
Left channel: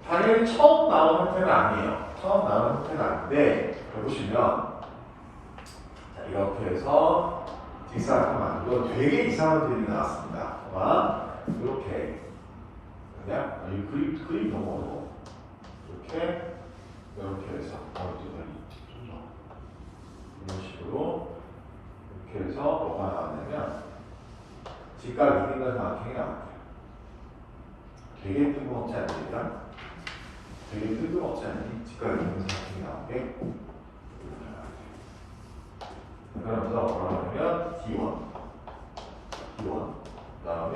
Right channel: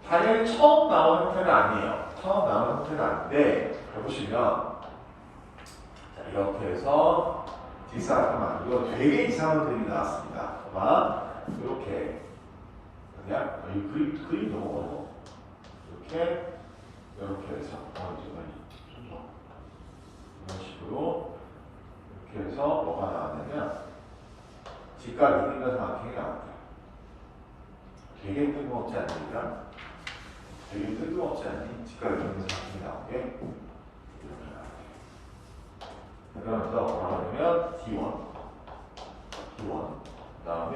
당연히 처음 나온 형태는 아니에요. 처음 나온 형태는 아닌데, 보시면 자, 이렇게 해서 뒷사람 이거 되게 이상한 그림이 나왔습니다. 이렇게 그냥 이 그림 너무 어려워. 이렇게 해서 이런 식으로 이렇게 해서 뭐가 나왔냐면 직각 이긴가 정확히 나왔대요. 되게 뜬금없지 않습니까? 되게 뜬금없지 않니? 직각 이긴가 정확히 나온 게 그러면서 뭐라고 하냐면 D1, 그 다음에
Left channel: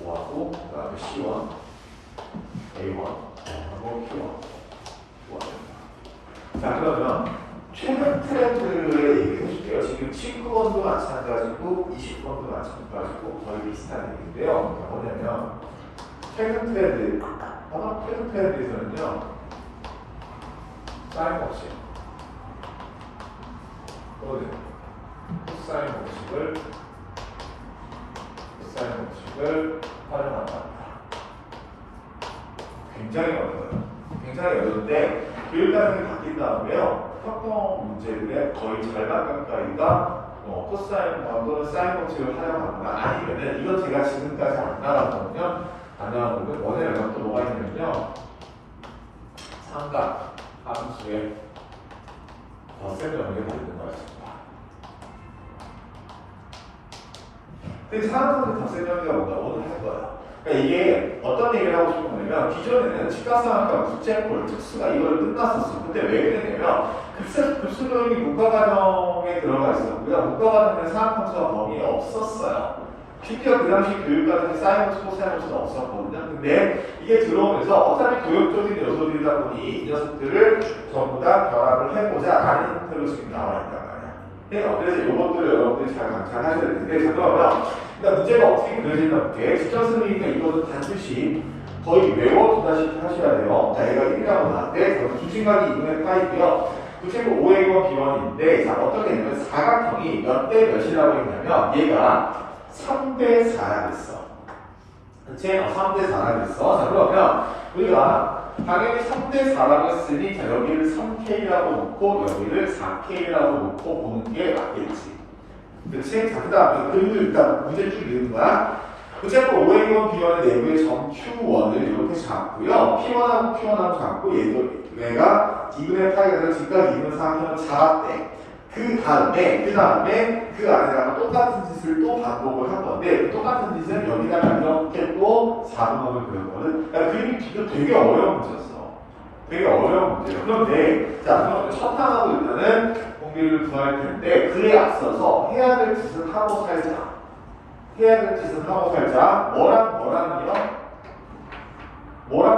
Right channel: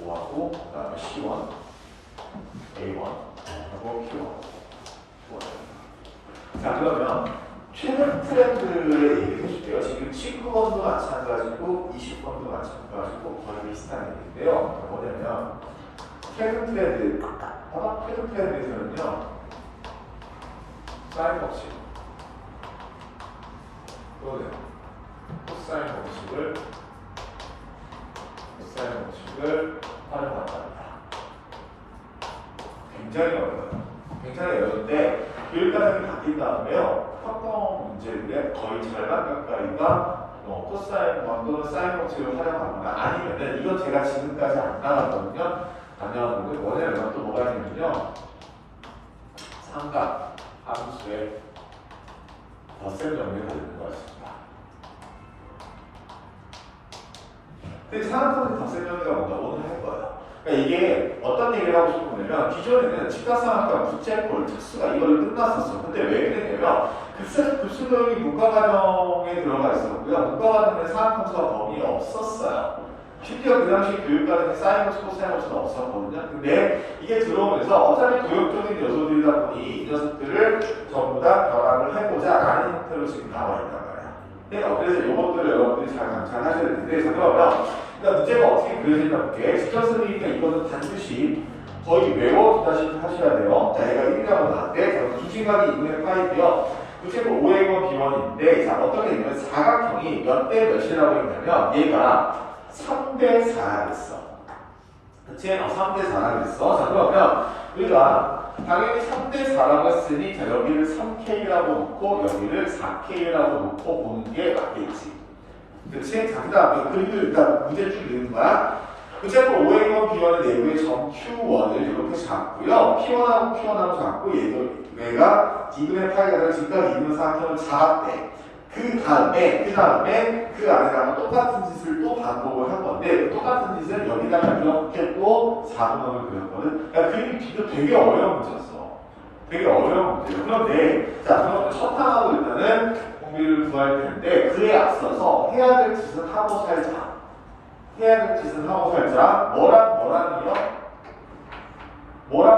O하고 그 다음에 C1, A1 하고 Q1. 자, 그러면 최근 트렌드를 얘기해 줄게요. 지금 19번도 마찬가지고 20번도 마찬가지고 거의 비슷한 얘기인데요. 뭐냐면 최근 트렌드, 최근 트렌드에서는요 사인 법칙 또는 코사인 법칙을 활용한다. 굉장히 어려워요. 굉장히 어려운데 교육과정이 바뀐 다음에요. 특허 문제들의 거의 절반 가까이가 코사인 또는 사인 법칙을 활용하거나 아니면은 이건 제가 지금까지 안 나왔거든요. 안 나왔는데 원래는 또 뭐가 있냐면요. 삼각 함수의 덧셈 정리가 되는 것입니다. 근데 사람들은 덧셈정리가 뭔가 오늘 할 거야. 그러니까 이게 어떤 얘기를 하고 싶은 거냐면 기존에는 직각상학과 부채꼴 특수가 이걸 끝났었어. 근데 왜 그랬냐면 급수교육이 문과과정에 들어가 있었고요. 문과과정에 상학함수가 범위에 없었어요. 심지어 그 당시 교육과정에 사이언스, 코사이언스가 없었거든요. 근데 이게 들어오면서 어차피 교육적인 요소들이다 보니 이 녀석들을 전부 다 결합을 해보자 라는 형태로 지금 나와 있다. 그래서 이것들을 여러분들이 잘 관찰하셔야 되는데, 그러면 그러니까 문제가 어떻게 그려지나 볼게. 직전승이니까 이거는 반드시 거의 외워두다시피 하셔야 돼요. 자, 얘가 1이라고 나왔는데 중심각이 2분의 파이고요. 부채꼴 5A1 B1인데 자, 어떻게 되냐면 사각형이 몇 대 몇이라고 했냐면 얘가 3대 4라 됐어. 그치? 3대 4라 됐어. 자, 그러면 우리가 당연히 3대 4라고 했으니 자, 여기를 3K라고 놓고 여기를 4K라고 놓고 보는 게 맞겠지. 그치? 자, 그 다음에 그림을 일단 문제 쭉 읽는 거야. 부채꼴 5A1 B1의 내부의 점 Q1을 이렇게 잡고요. P1하고 Q1하고 잡고 얘가 2분의 파이가 되는 직각이 있는 사각형을 잡았대. 그 다음에 그 안에다가 똑같은 짓을 또 반복을 할 건데 똑같은 짓은 여기다가 이렇게 또 4분원을 그렸거든. 그러니까 그림이 되게 어려운 문제였어. 되게 어려운 문제예요. 그런데 자, 그럼 첫 단하고 일단은 공비를 구할 텐데 그에 앞서서 해야 될 짓은 하고 살자. 뭐랑요? 뭐랑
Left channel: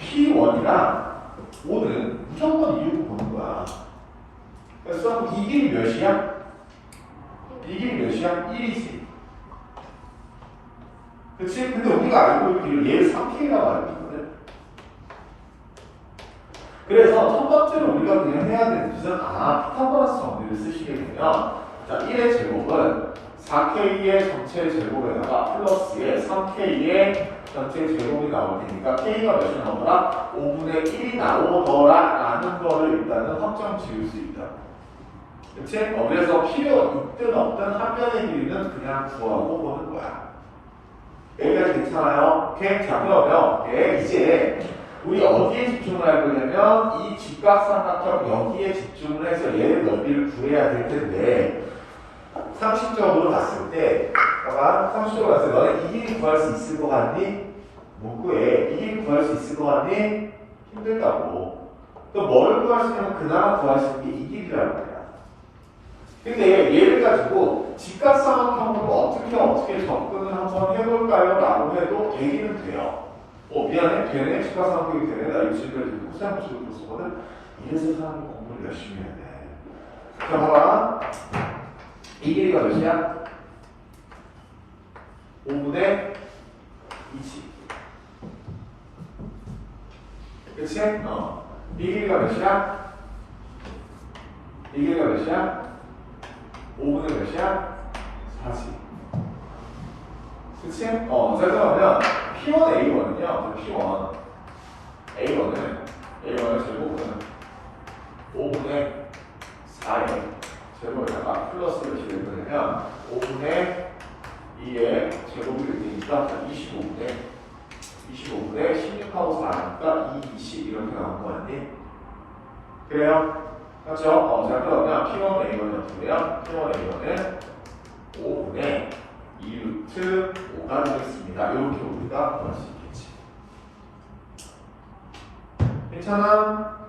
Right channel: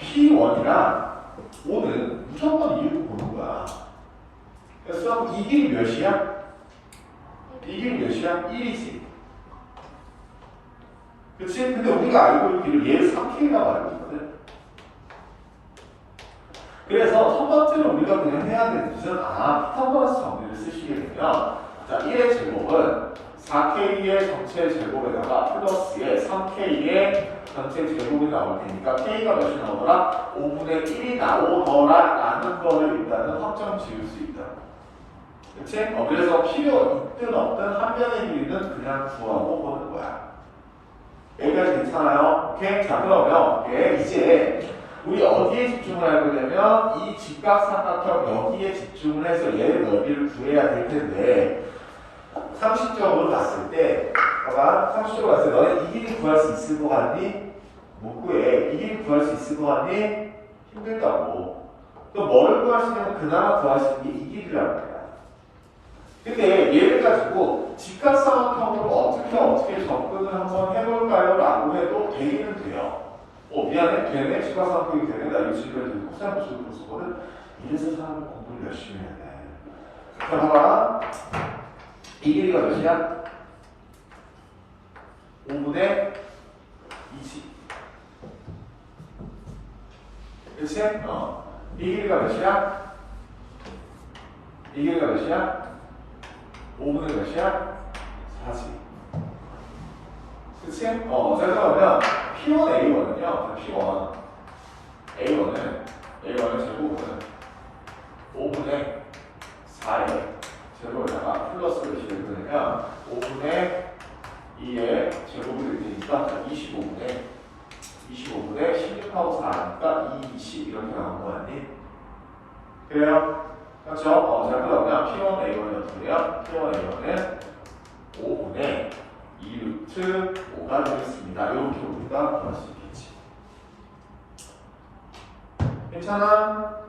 P1이랑 오는 무조건 이루고 보는 거야. 그래서 이 길이 몇이야? 1이지. 그치? 근데 우리가 알고 있기로 얘를 3K라고 알고 있거든. 그래서 첫 번째로 우리가 그냥 해야 되는 짓은 피타고라스 정리를 쓰시게 되면 자, 1의 제곱은 4K의 전체 제곱에다가 플러스의 3K의 전체 제곱이 나올 테니까 K가 몇이 나오더라? 5분의 1이 나오더라 라는 거를 일단은 확정 지을 수 있다. 그치? 그래서 필요 있든 없든 한 변의 길이는 그냥 구하고 보는 거야. 여기까지 괜찮아요? 오케이? 자, 그러면 이제 우리 어디에 집중을 할 거냐면 이 직각삼각형 여기에 집중을 해서 얘를 넓이를 구해야 될 텐데 상식적으로 봤을 때 상식적으로 봤을 때 너네 이 길이 구할 수 있을 것 같니? 못 구해. 이 길이 구할 수 있을 것 같니? 힘들다고. 또 뭐를 구할 수 있는 그나마 구할 수 있는 게 이 길이라고 해요. 근데 얘를 가지고 직각삼각형으로 어떻게 접근을 한번 해볼까요? 라고 해도 되기는 돼요. 미안해. 되네. 직각삼각형이 되네. 나 이거 지금 코사인 부수고 있었거든. 이래서 사람이 공부를 열심히 해야 돼. 자, 봐봐. 이 길이가 몇이야? 5분의 2지. 그치? 이 길이가 몇이야? 이 길이가 몇이야? 5분의 몇이야? 4지. 그치? 자, 그러면 P1A1은요, A1은 제곱은 5분의 4의 제곱에다가 플러스를 집어넣으면 5분의 2의 제곱이 되니까 25분의 16하고 4니까 2, 20 이렇게 나온 거 같니? 그래요? 그렇죠? 자, 그러면 P1A1이 어떻게 돼요? P1A1은 5분의 2루트 5가 되겠습니다. 이렇게 우리가 구할 수 있겠지. 괜찮아?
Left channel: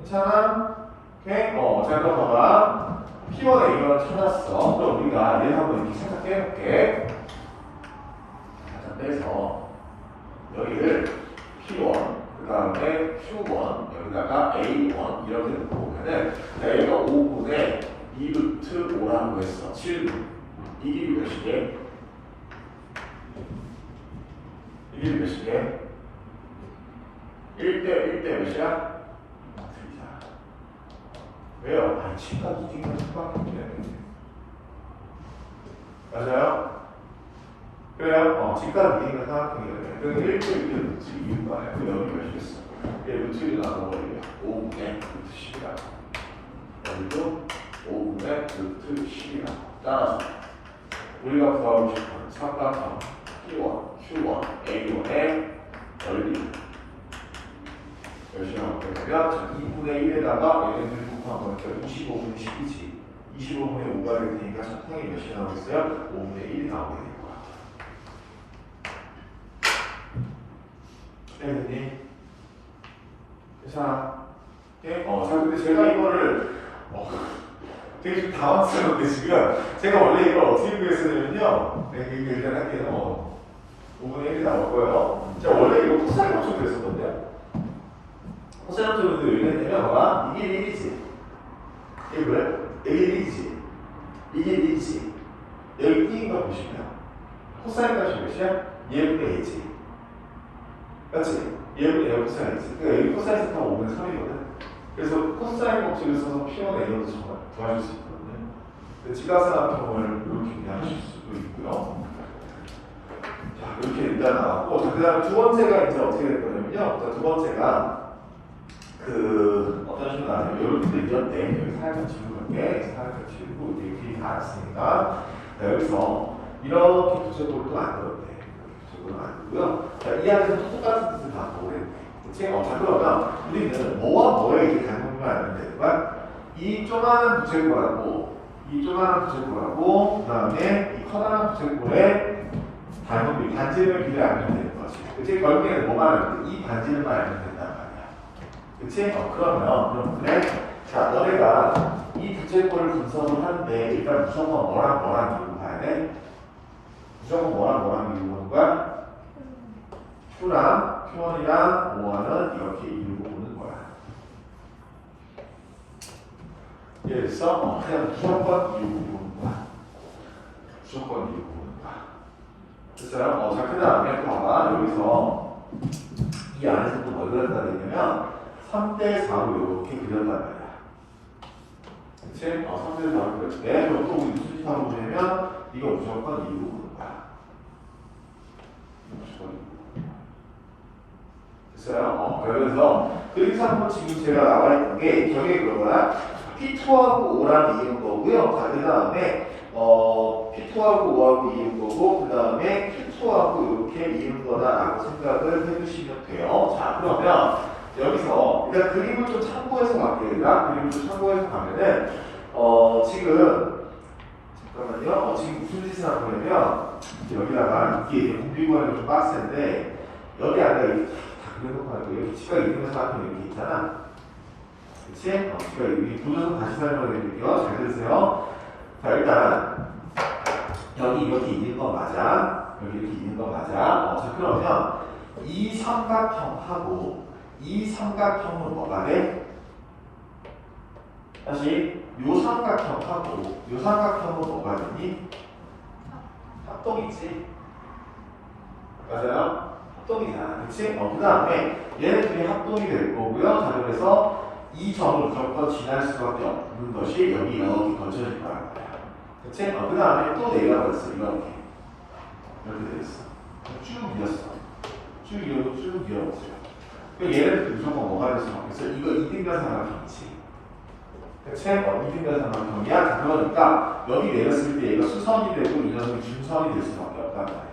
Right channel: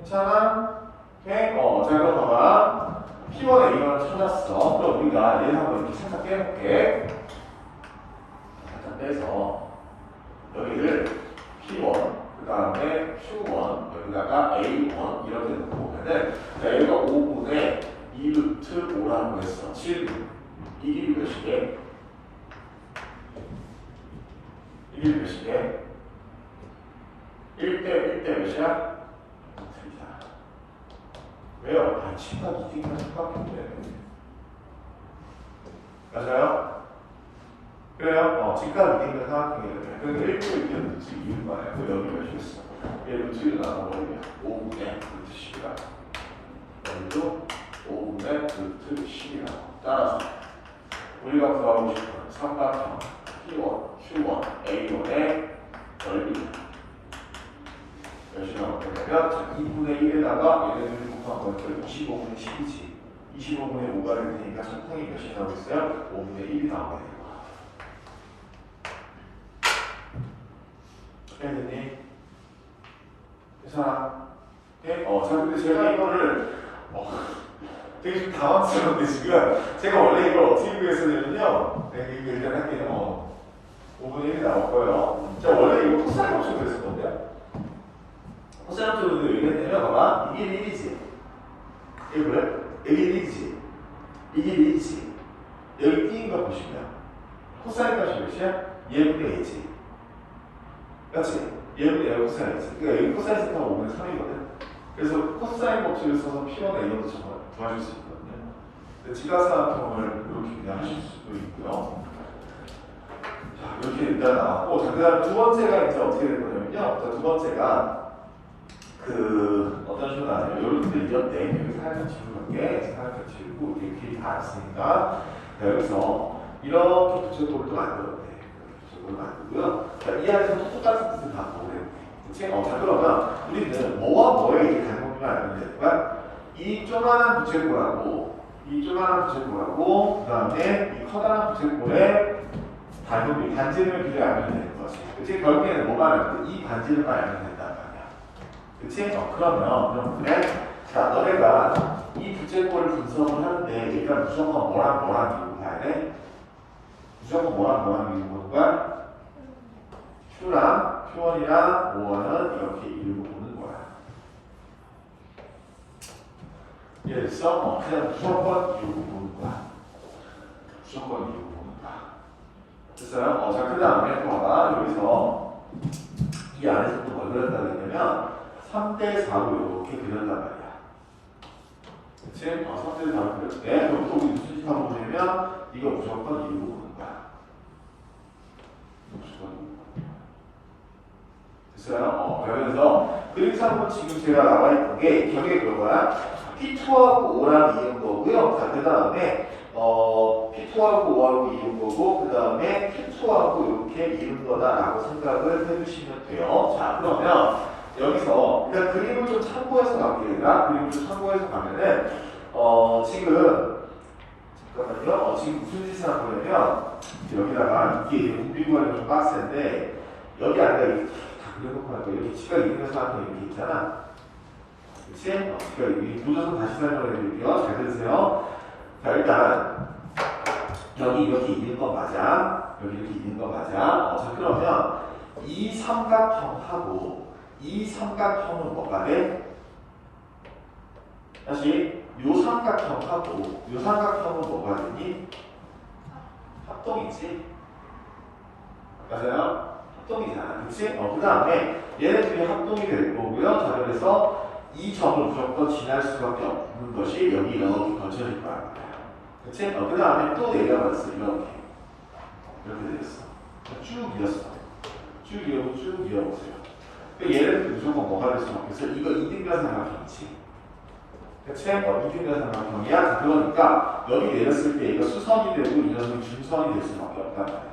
오케이? 자, 그러면 P1A1을 찾았어. 그럼 우리가 얘를 한번 이렇게 생각해볼게. 자, 빼서 여기를 P1, 그 다음에 Q1, 여기다가 A1 이렇게 놓고 보면은 여기가 5분의 2루트 5라고 했어. 7분. 이 길이 몇이게? 이 길이 몇이게? 1대 몇이야? 틀리잖아. 왜요? 친구가 이기는 수밖에 없네. 맞아요? 그래요? 직각 이기는 사각형이거든. 그러니까 1대 1대 루트 2는 거야. 그 여기 몇이겠어? 1 루트 1을 나눠버리면 5분의 루트 10이라고. 여기도 5분의 루트 10이라고. 따라서 우리가 구하고 싶은 삼각형 P1, Q1, A1의 넓이 열심히 해보면 2분의 1에다가 얘네들 곱하면 25분의 10이지. 25분의 5가 될 테니까 삼각형이 몇이 나오겠어요? 5분의 1이 나오게 되는 거야. 했니? 괜찮아? 오케이? 자, 근데 제가 이거를 되게 좀 당황스러운데 지금 제가 원래 이걸 어떻게 구했었냐면요. 네, 이거 일단 할게요. 5분의 1이 나올 거예요. 자, 원래 이거 코사인 함수 그랬었는데 코사인 함수 그랬는데 왜 그랬냐면 봐봐. 이게 1이지. 이게 그래? 이게 1이지. 이게 1이지. 여기 띄인 거 보시면 코사인 값이 몇이야? 얘분의 A지. 그렇지? 얘분의 A 코사인 A지. 그러니까 여기 코사인 세타가 5분의 3이거든. 그래서 코사인 법칙을 써서 P1의 A로도 정말 구하실 수 있거든요. 직각삼각형을 이렇게 그냥 하실 수도 있고요. 자, 이렇게 일단 나왔고, 그 다음 두 번째가 이제 어떻게 될 거냐면요. 두 번째가 어떤 식으로 나왔냐면 이렇게 이겼네. 여기 살짝 지우는게 살짝 지우고 이렇게 다 왔으니까 여기서 이렇게 두제골도 만들었네. 두제골 만들고요. 자, 이 안에서 똑같은 뜻을 다 보내. 그치? 자, 그러면 우리는 뭐와 뭐에 이렇게 닮은 걸 알면 되지만 이 조그마한 부채꼴하고 이 조그마한 부채꼴하고 그 다음에 이 커다란 부채꼴의 닮음이 반지름의 비례를 알면 되는 거지. 그치? 결국에는 뭐만 알면 돼? 이 반지름만 알면 된단 말이야. 그치? 그러면 그래. 자, 너네가 이 부채꼴을 분석을 하는데 일단 무조건 뭐랑 미루고 가야 돼? 무조건 뭐랑 미루고 보는 거야? Q랑 Q1이랑 5와는 이렇게 이루고 보는 거야. 이해됐어? 그냥 무조건 이루고 보는 거야. 무조건 이루고 보는 거야. 됐어요? 자, 그 다음에 봐봐. 여기서 이 안에서 또 뭘 그렸다 그러냐면 3대 4로 이렇게 그렸단 말이야. 그치? 선택을 더하면 될 때, 그럼 또 우리 무슨 짓 하고 보내면 이거 무조건 이루고 오는 거야. 무조건 됐어요? 그래서 그림상은 지금 제가 나와 있는 게 저게 그거야. P2하고 5랑 이은 거고요. 자, 그 다음에 P2하고 5하고 이은 거고, 그 다음에 P2하고 이렇게 이은 거다라고 생각을 해주시면 돼요. 자, 그러면 여기서 일단 그림을 좀 참고해서 갈게요. 그림을 좀 참고해서 가면은 지금 잠깐만요. 지금 무슨 짓을 하냐면 여기다가 이게 공비구하기 좀 빡센데 여기 안에 이렇게 다 그려놓고 하고 여기 치가 있는 사람이 여기 있잖아. 그치? 그러니까 이 구조선 다시 설명해 드릴게요. 잘 들으세요. 자, 일단 여기 이렇게 있는 거 맞아. 여기 이렇게 있는 거 맞아. 자, 그러면 이 삼각형하고 이 삼각형은 뭐가 돼? 다시 요 삼각형하고 요 삼각형은 뭐가 되니? 합동이지. 맞아요? 합동이잖아. 그치? 그 다음에 얘네들이 합동이 될 거고요. 자, 그래서 이 점을 무조건 지날 수밖에 없는 것이 여기 거쳐질 거야. 그치? 그 다음에 또 내려봤어. 이렇게 됐어. 쭉 이었어. 쭉 이어고 쭉 이어보세요. 얘네들 무조건 뭐가 될 수밖에 없어. 이거 이등변 삼각형이지. 그치? 이등변 삼각형이야. 그러니까 여기 내렸을 때 얘가 수선이 되고 이 녀석은 중선이 될 수밖에 없다는 거야.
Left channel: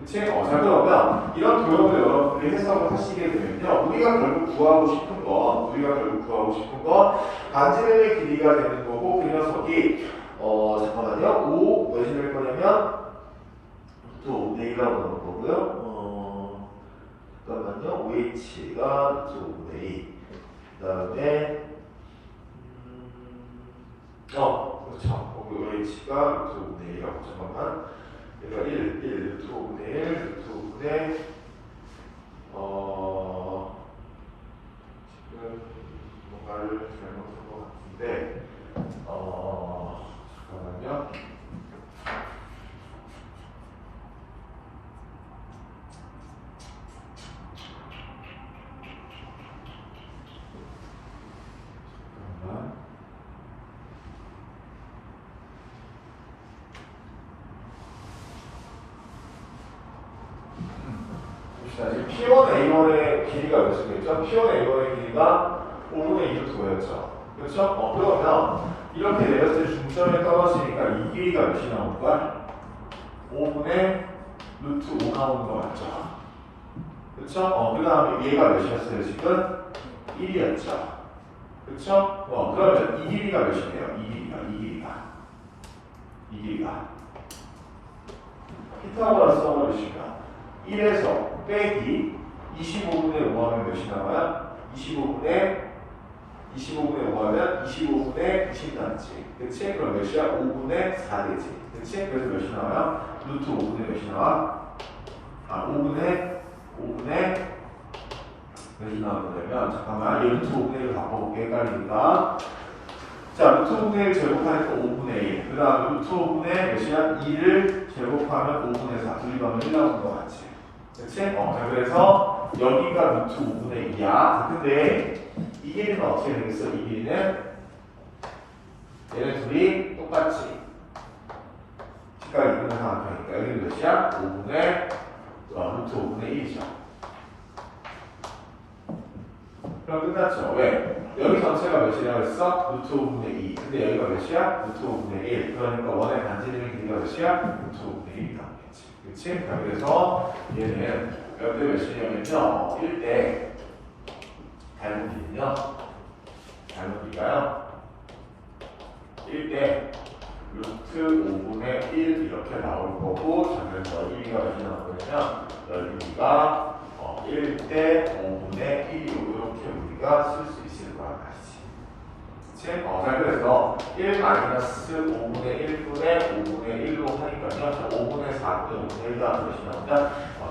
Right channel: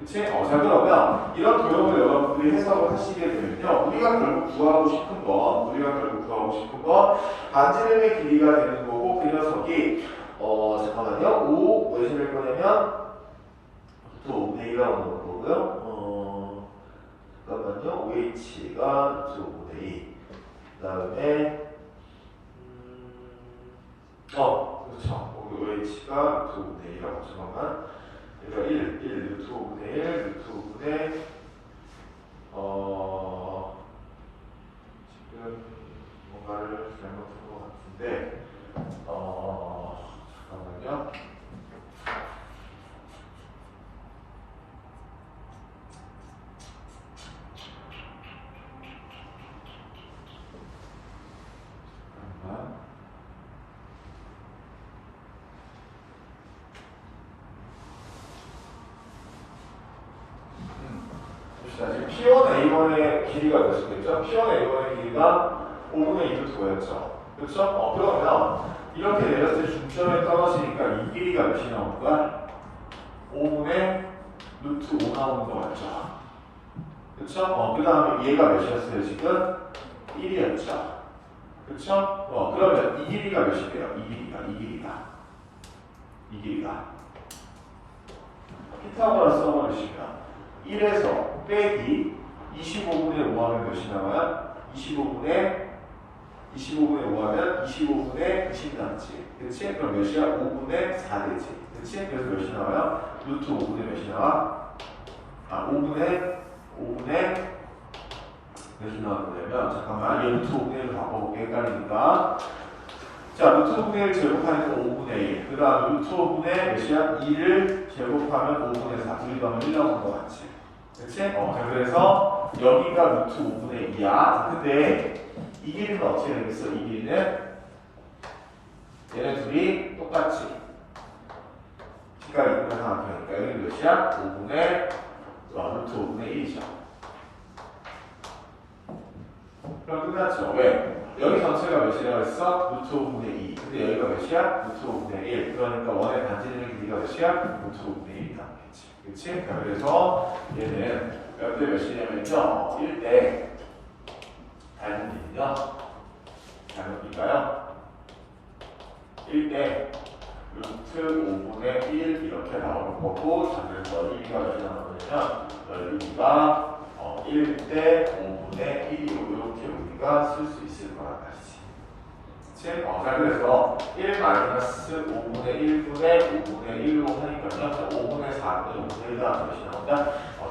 그치? 자, 그러면 이런 도형을 여러분들이 해석을 하시게 되면요. 우리가 결국 구하고 싶은 거, 반지름의 길이가 되는 거고, 그 녀석이, 잠깐만요. 5, 몇이 될 거냐면, 또 5분의 1이라고 나오는 거고요. 잠깐만요. OH가 또 5분의 2. 그 다음에, 그렇죠. OH가 또 5분의 2라고. 잠깐만. 그러니까 1, 2분의 1, 2분의 지금 뭔가를 잘못한 것 같은데 잠깐만요. 지금 P1A1의 길이가 몇이겠죠? P1A1의 길이가 5분의 2루트 5였죠. 그렇죠? 그러면 이렇게 내렸을 때 중점에 떨어지니까 이 길이가 몇이 나올 거야? 5분의 루트 5 나오는 거 맞죠? 그렇죠? 그 다음에 얘가 몇이었어요? 지금 1이었죠. 그렇죠? 그러면 이 길이가 몇이에요? 이 길이가 피타고라스 써버리시면 1에서 빼기 25분의 5 하면 몇이 나와요? 25분의 5 하면 25분의 90 나왔지. 그치? 그럼 몇이야? 5분의 4 되지. 그치? 그래서 몇이 나와요? 루트 5분의 몇이 나와? 5분의 몇이 나왔냐면 잠깐만 얘 루트 5분의 1로 바꿔볼게. 헷갈리니까. 자, 루트 5분의 1 제곱하니까 5분의 1. 그 다음에 루트 5분의 몇이야? 2를 제곱하면 5분의 4. 둘이 가면 1 나오는 거 같지? 그치? 그래서 여기가 루트 5분의 2야. 근데 이 길이는 어떻게 되겠어? 이 길이는 얘네 둘이 똑같지. 시가가 있는 삼각형이니까 여기는 몇이야? 5분의 루트 5분의 1이죠. 그럼 끝났죠. 왜? 여기 전체가 몇이라고 했어? 루트 5분의 2. 근데 여기가 몇이야? 루트 5분의 1. 그러니까 원의 반지름의 길이가 몇이야? 루트 5분의 1이 나오겠지. 그치? 자, 그래서 얘는 몇이냐면요. 1대 닮은 길이요. 닮은 길이가요. 1대 루트 5분의 1 이렇게 나올 거고, 자, 그래서 여기가 몇이 나오냐면 여기가 1대 5분의 1이고 이렇게 우리가 쓸 수 있을 거란 말이지. 그치? 자, 그래서 1 마이너스 5분의 1분의 5분의 1로 하니까요. 5분의 4분의 5분의 1 나오는 것이 나온다.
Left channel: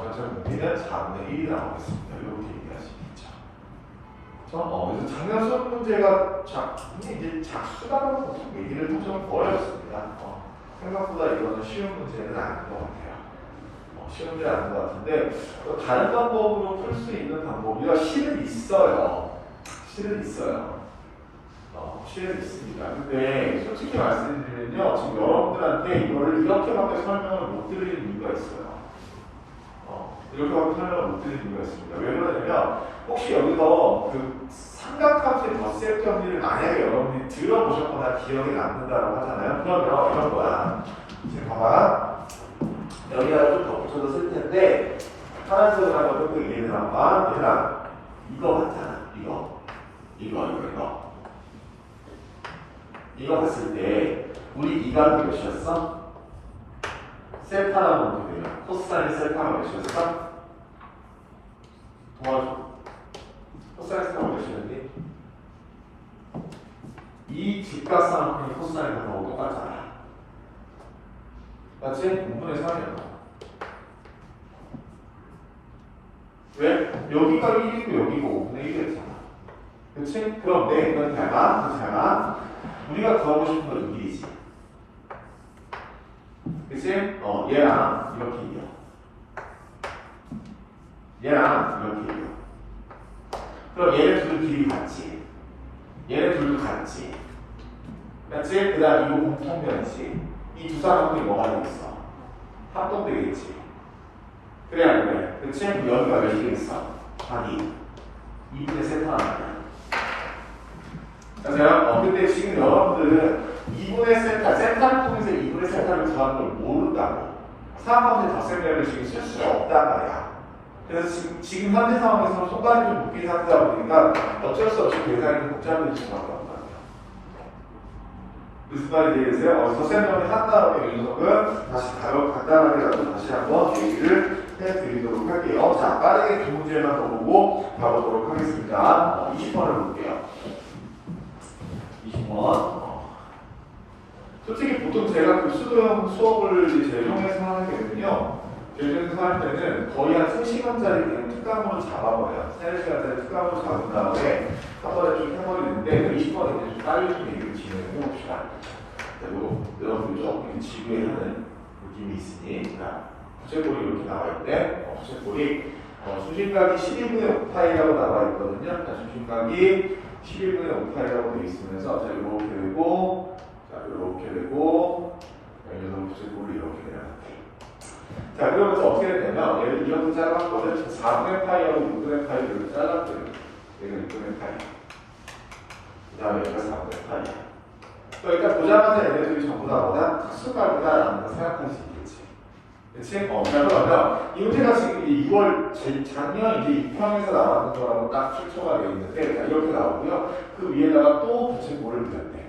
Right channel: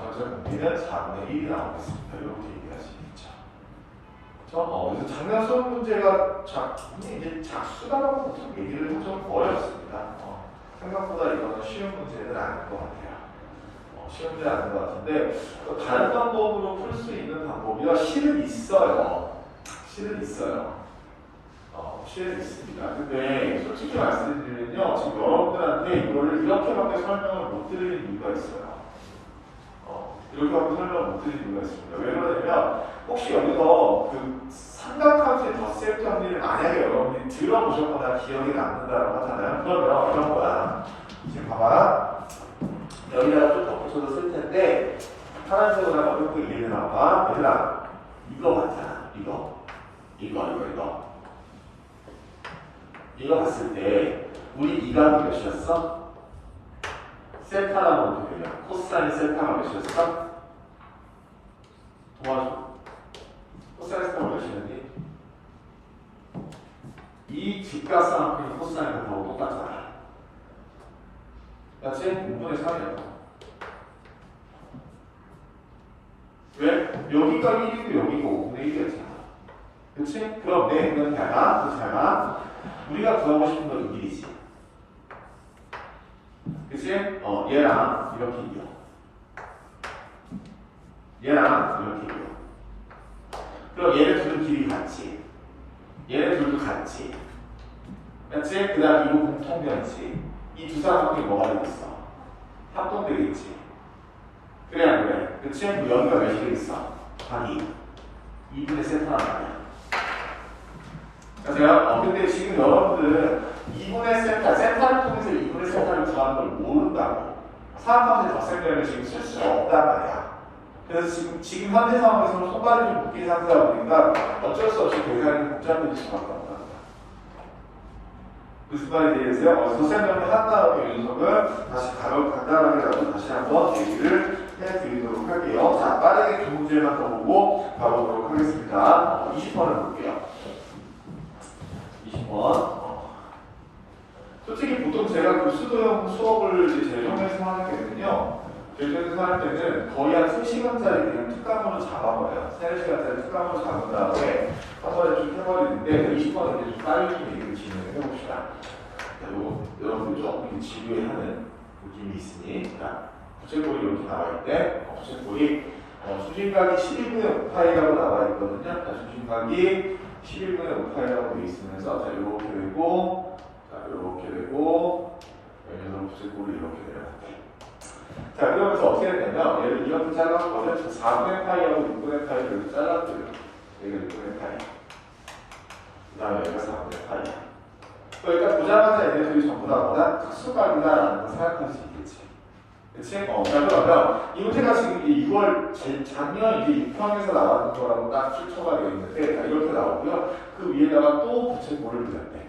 그래서 문제는 4분의 1이 나오겠습니다. 이렇게 얘기할 수 있죠. 그래서 작년 수업 문제가 이제 작수다라고 보통 얘기를 좀 어렵습니다. 생각보다 이거는 쉬운 문제는 아닌 것 같아요. 쉬운 문제는 아닌 것 같은데 다른 방법으로 풀 수 있는 방법이야. 실은 있어요. 취해져 있습니다. 근데 솔직히 말씀드리면요, 지금 여러분들한테 이거를 이렇게밖에 설명을 못 드리는 이유가 있어요. 이렇게밖에 설명을 못 드리는 이유가 있습니다. 왜 그러냐면 혹시 여기서 그 삼각함수의 덧셈 정리를 만약에 여러분들이 들어보셨거나 기억에 남는다라고 하잖아요. 그러면 이런 거야. 지금 봐봐. 여기다가 좀 덧붙여서 쓸 텐데 하나씩을 한번 조금 얘기해 나와. 얘들아, 이거 같잖아. 이거 봤을 때 우리 이각이 몇이었어? 세타라고 어떻게 돼요? 코사인 세타가 몇이었어? 도와줘. 코사인 세타가 몇이었니? 이 직각삼각형이 코사인 세타하고 똑같잖아. 맞지? 6분의 3이었다. 왜? 여기가 1이고 여기고 5분의 1이었잖아. 그치? 그럼 내 이건 잘 봐. 우리가 구하고 싶은 건 여기이지. 그치? 얘랑 이렇게 이겨. 얘랑 이렇게 이겨. 그럼 얘네 둘 길이 같지. 얘네 둘도 같지. 맞지? 그 다음 이거 공통점이지. 이 두 사람들이 뭐가 되겠어? 합동되겠지. 그래 안 그래? 그치? 여기가 몇이 되겠어? 아니 2분의 세타란 말이야. 제가 근데 지금 여러분들은 2분의 세타를 통해서 2분의 세타를 구하는 걸 모른다고. 사람한테 덧셈되면 지금 쓸 수 없단 말이야. 그래서 지금 현재 상황에서 손가락이 좀 묶인 상태다 보니까 어쩔 수 없이 대상이 복잡해질 수밖에 없다. 무슨 말이 되겠어요? 덧셈정리 한 다음에 윤석은 다시 간단하게라도 다시 한번 얘기를 해드리도록 할게요. 자, 빠르게 두 문제만 더 보고 가보도록 하겠습니다. 20번을 볼게요. 20번. 솔직히 보통 제가 그 수도형 수업을 이제 제정해서 하는 게거든요. 제정해서 할 때는 거의 한 3시간짜리 그냥 특강으로 잡아버려요. 3시간짜리 특강으로 잡은 다음에 한 번에 좀 해버리는데 20번은 이제 좀 빨리 얘기를 진행해봅시다. 그리고 여러분들 조금 지루해하는 느낌이 있으니 부채꼴이 이렇게 나와있대. 부채꼴이 수직각이 11분의 5파이라고 나와있거든요. 수직각이 11분의 5파이라고 되어 있으면서 자, 이렇게 되고 이렇게 되고 여기서 부채꼴이 이렇게 되는데 자, 그러면서 어떻게 되냐면 얘를 이렇게 잘랐거든. 4분의 파이하고 6분의 파이를 이렇게 잘랐거든. 여기가 6분의 파이 그 다음에 여기가 4분의 파이야. 그러니까 보자마자 얘네들이 전부 다 뭐다? 특수각이다라는 걸 생각할 수 있겠지. 그치? 그러면 이 문제가 지금 6월 작년 이제 6편에서 나왔는 거라고 딱 출처가 되어 있는데 이렇게 나오고요. 그 위에다가 또 부채꼴을 그렸대.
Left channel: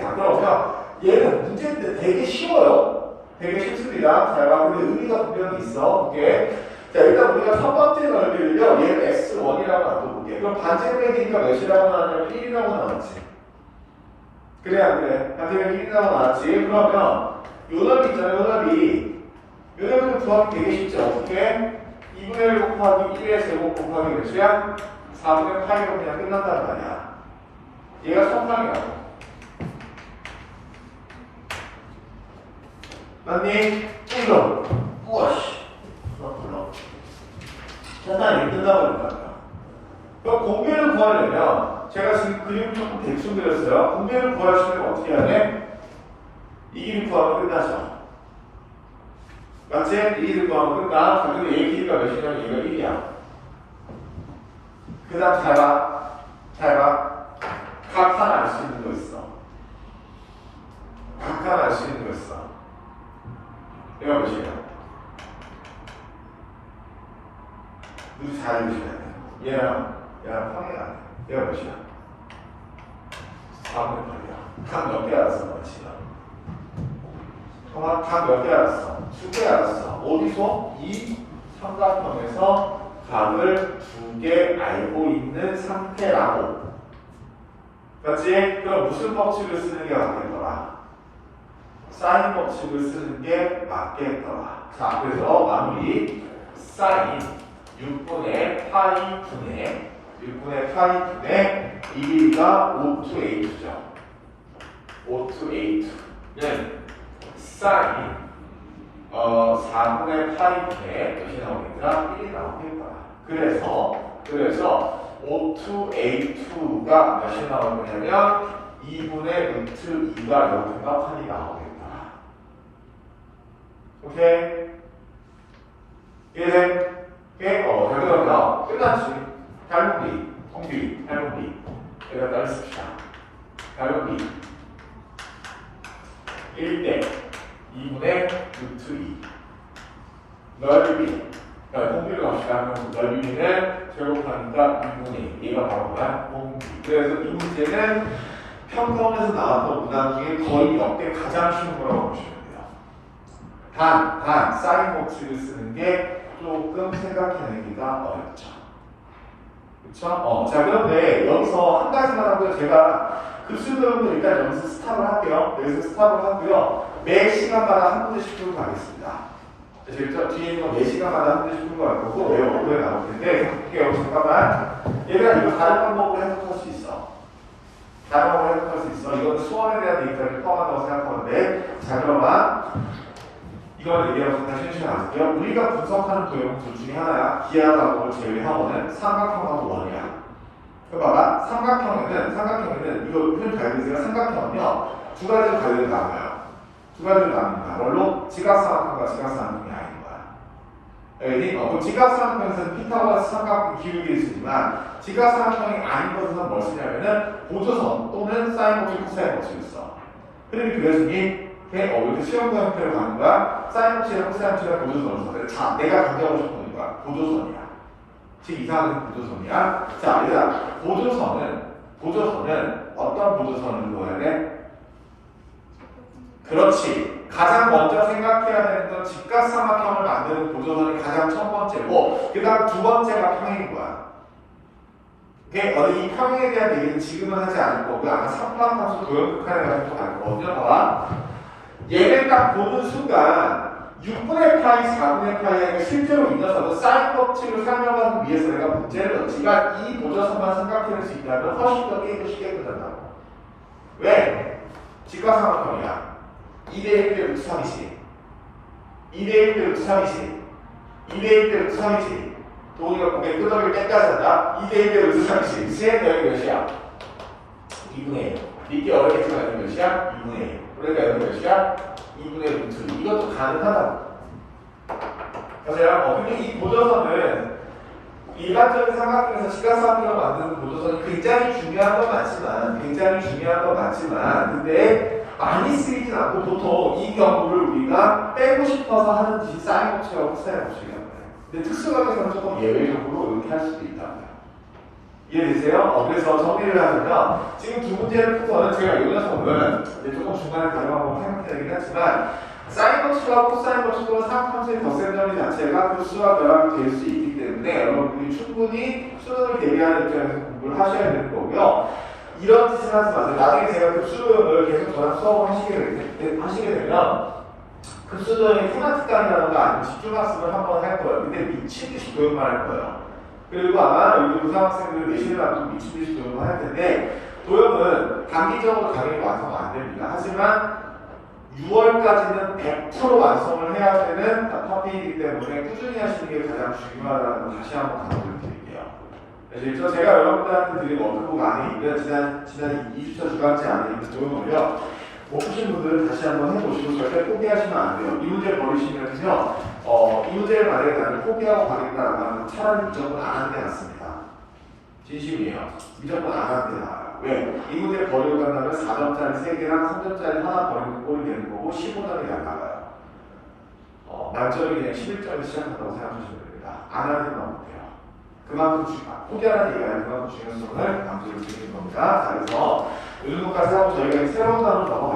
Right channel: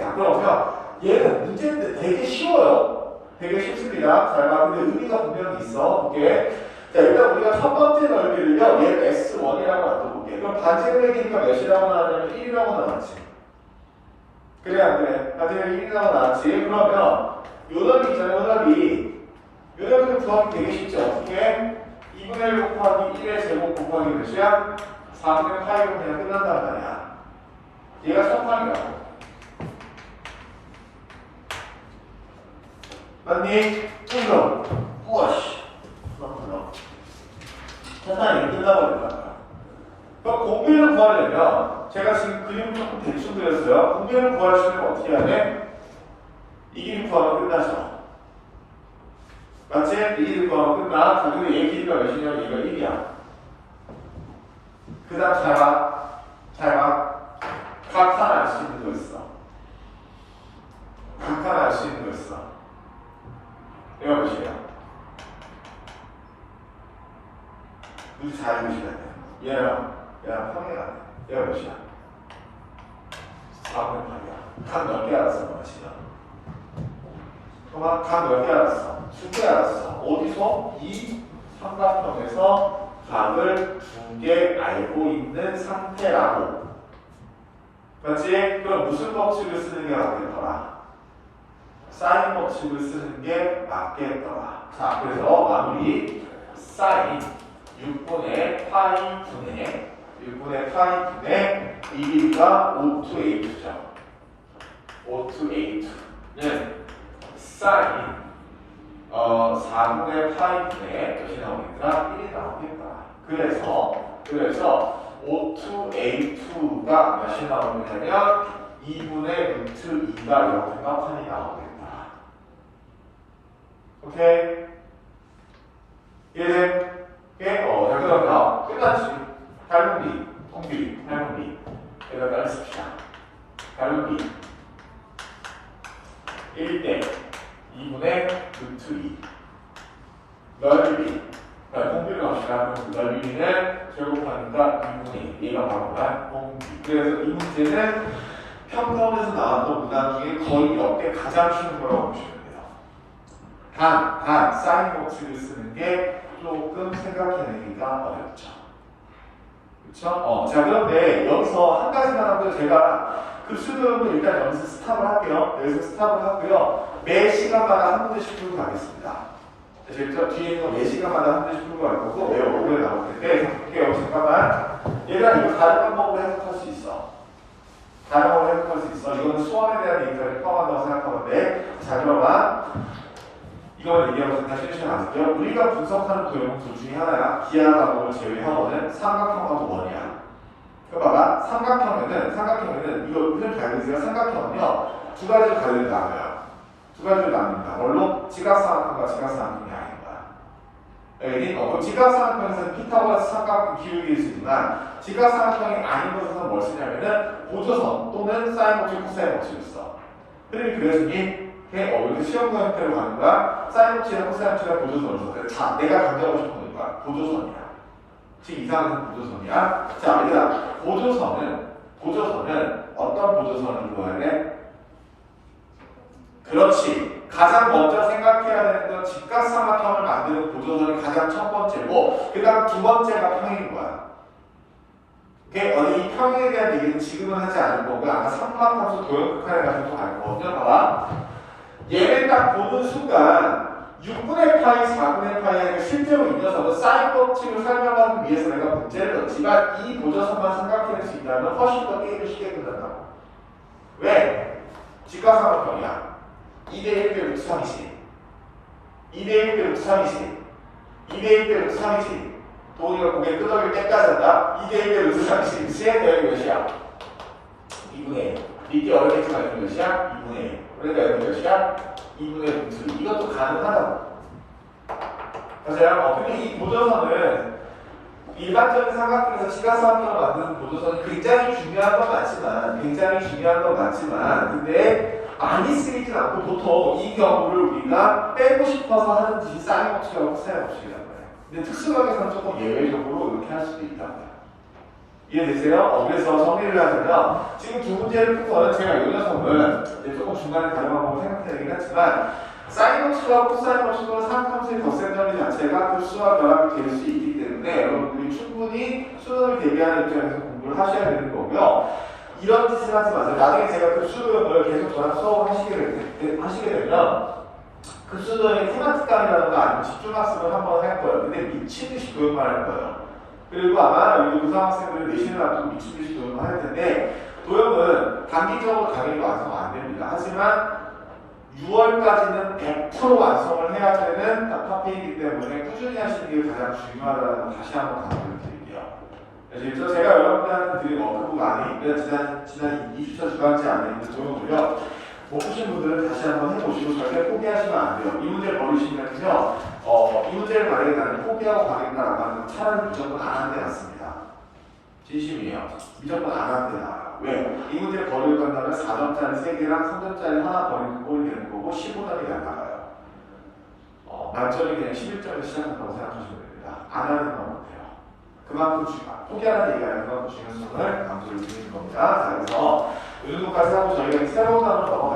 자, 그러면 얘는 문제인데 되게 쉬워요. 되게 쉽습니다. 잘 봐. 근데 의미가 분명히 있어. 오케이. 자, 일단 우리가 첫 번째 넓이를요, 얘를 x1이라고 만들어볼게. 그럼 반제곱이니까 몇이라고 나왔냐면 1이라고 나왔지. 그래, 안 그래? 반제곱이 1이라고 나왔지. 그러면 요 넓이 있잖아, 요 넓이를 구하기 되게 쉽죠. 어떻게? 2분의 1 곱하기 1의 제곱 곱하기 몇이야? 4분의 8로 그냥 끝난단 말이야. 얘가 성상이 나와. 맞니? 그럼 우와씨. 그렇구나. 세상이 끝나버린다. 그럼 공비를 구하려면 제가 지금 그림을 조금 대충 그렸어요. 공비를 구하시려면 어떻게 해야 돼? 이 길 구하면 끝나죠. 맞지? 이 길 구하면 끝나. 근데 얘 길이가 몇이냐면 이거 1이야. 그 다음 잘 봐. 각 하나 알 수 있는 거 있어. 각 하나 알 수 있는 거 있어. 얘가 몇이야? 누구 잘 알려주시네. 얘랑 평이야. 얘가 몇이야? 4분의 8이야. 각 몇 개 알았어, 몇이야? 각 몇 개 알았어? 2개 알았어. 어디서? 이 삼각형에서 각을 2개 알고 있는 상태라고. 맞지? 그럼 무슨 법칙을 쓰는 게 맞겠더라? 사인 법칙을 쓰는 게 맞겠더라. 자, 그래서 마무리 사인 6분의 파이 분의 이 길이가 5 to a2죠. 5 to a2는 사인 4분의 파이 분의 몇이 나오겠다? 1이 나오겠다. 그래서 O2A2가 몇이 나오는 거냐면 2분의 루트 2가 0.8이 나오겠다. 오케이? 이해돼? 오케이? 자, 그러면 끝났지. 닮은 B, 공비, 닮은 B. 여기다 따르십시다. 닮은 B. 1대 2분의 루트 2. 넓이. 공비를 갑시다. 넓이는 제곱하니까 2분의 2가 바로 공비. 그래서 이 문제는 평가원에서 나왔던 문항 중에 거의 역대 가장 쉬운 거라고 보시면 돼요. 단, 사인 법칙을 쓰는 게 조금 생각해내기가 어렵죠. 그쵸? 자, 그런데 여기서 한 가지만 하고요. 제가 급수 배우면 일단 여기서 스탑을 할게요. 여기서 스탑을 하고요. 매 시간마다 한 문제씩 풀고 가겠습니다. 제가 뒤에 있는 매 시간마다 한 문제씩 풀고 갈 거고, 왜 오래 나올 텐데, 볼게요. 잠깐만. 얘가 이거 다른 방법으로 해석할 수 있어. 다른 방법으로 해석할 수 있어. 이건 수험에 대한 데이터를 포함한다고 생각하는데, 자, 그러면 이걸 얘기하고 잠깐 쉬시면 우리가 분석하는 도형 둘 중에 하나야. 기하과목을 제외하고는 삼각형과 원이야. 그 봐봐. 삼각형에는 이거 흔히 갈리세요. 삼각형은요 두 가지로 갈려 나와요. 두 가지로 나옵니다. 뭘로? 지각삼각형과 지각삼각형이 아닌 거야. 그럼 지각삼각형에서는 피타고라스 삼각형 기울기를 쓰지만 지각삼각형이 아닌 것에서는 뭘 쓰냐면은 보조선 또는 사인 법칙, 코사인 법칙을 써. 그러면 그 여성이 이렇게 시험과 형태로 가는 거야. 사인 법칙이랑 코사인 법칙이랑 보조선을 써. 자, 내가 강조하고 싶은 거야. 보조선이야. 즉 이상한 보조선이야. 자, 얘들아, 보조선은 어떤 보조선을 구해야 돼? 그렇지. 가장 먼저 생각해야 되는 건 직각삼각형을 만드는 보조선이 가장 첫 번째고, 그 다음 두 번째가 평행인 거야. 이 평행에 대한 얘기는 지금은 하지 않을 거고, 아마 삼각함수 도형극한에 가지고 갈 거거든요. 봐봐. 얘를 딱 보는 순간 6분의 파이, 4분의 파이가 실제로 이 녀석은 사인 법칙을 사용하기 위해서 내가 문제를 넣지만 이 보조선만 생각해낼 수 있다면 훨씬 더 게임을 쉽게 끝난다. 왜? 직각삼각형이야. 2대1 대 루트 3이지. 2대1 대 루트 3이지. 2대1 대 루트 3이지. 도우리가 고개 끄덕일 때까지 한다. 2대1 대 루트 3이지. 그치? 여기 몇이야? 2분의 1. 이게 어렵게 가지고 몇이야? 2분의 1. 그러니까 여기 몇이야? 2분의 루트 2. 이것도 가능하다고. 맞아요? 근데 이 보조선은 일반적인 삼각형에서 지각삼각형을 만드는 보조선이 굉장히 중요한 건 맞지만 근데 많이 쓰이진 않고 보통 이 경우를 우리가 빼고 싶어서 하는 짓이 사인 법칙하고 코사인 법칙이라고 해요. 근데 특수각에서는 조금 예외적으로 이렇게 할 수도 있다. 이해되세요? 그래서 정리를 하면 지금 두 문제를 풀고는 제가 이 녀석은 조금 중간에 다른 방법 생각해야긴 하지만 사인 법칙과 코사인 법칙과 삼각형수의 덧셈점이 자체가 급수와 결합이 될 수 있기 때문에 여러분들이 충분히 수능을 대비하는 입장에서 공부를 하셔야 되는 거고요. 이런 짓을 하지 마세요. 나중에 제가 급수도형을 계속 저랑 수업을 하시게 되면 급수도형의 테마틱감이라든가 아니면 집중학습을 한번 할 거예요. 근데 미친듯이 도형만 할 거예요. 그리고 아마 여기 고등학생들을 내신을 앞두고 미친듯이 도형을 할 텐데 도형은 단기적으로 당연히 완성은 안 됩니다. 하지만 6월까지는 100% 완성을 해야 되는 파피이기 때문에 꾸준히 하시는 게 가장 중요하다는 걸 다시 한번 강조를 드릴게요. 그래서 제가 여러분들한테 드린 워크북 안에 있는 지난 2주차 주간제 안에 있는 도형을요. 못 푸신 분들은 다시 한번 해보시고 절대 포기하시면 안 돼요. 이 문제를 버리시면요. 이 문제를 만약에 나는 포기하고 가겠다라고 하면 차라리 무조건 안 하는 게 낫습니다. 진심이에요. 무조건 안 하는 게 나아요. 왜? 이 문제를 버리고 간다면 4점짜리 3개랑 3점짜리 하나 버리는 꼴이 되는 거고 15점이 날아가요. 만점이 그냥 11점에 시작한다고 생각하시면 됩니다. 안 하는 건 못해요. 그만큼 포기하는 얘기가 그만큼 중요한 수준을 강조를 드리는 겁니다. 자, 그래서 이 정도까지 하고 저희가 새로운 단어로 넘어가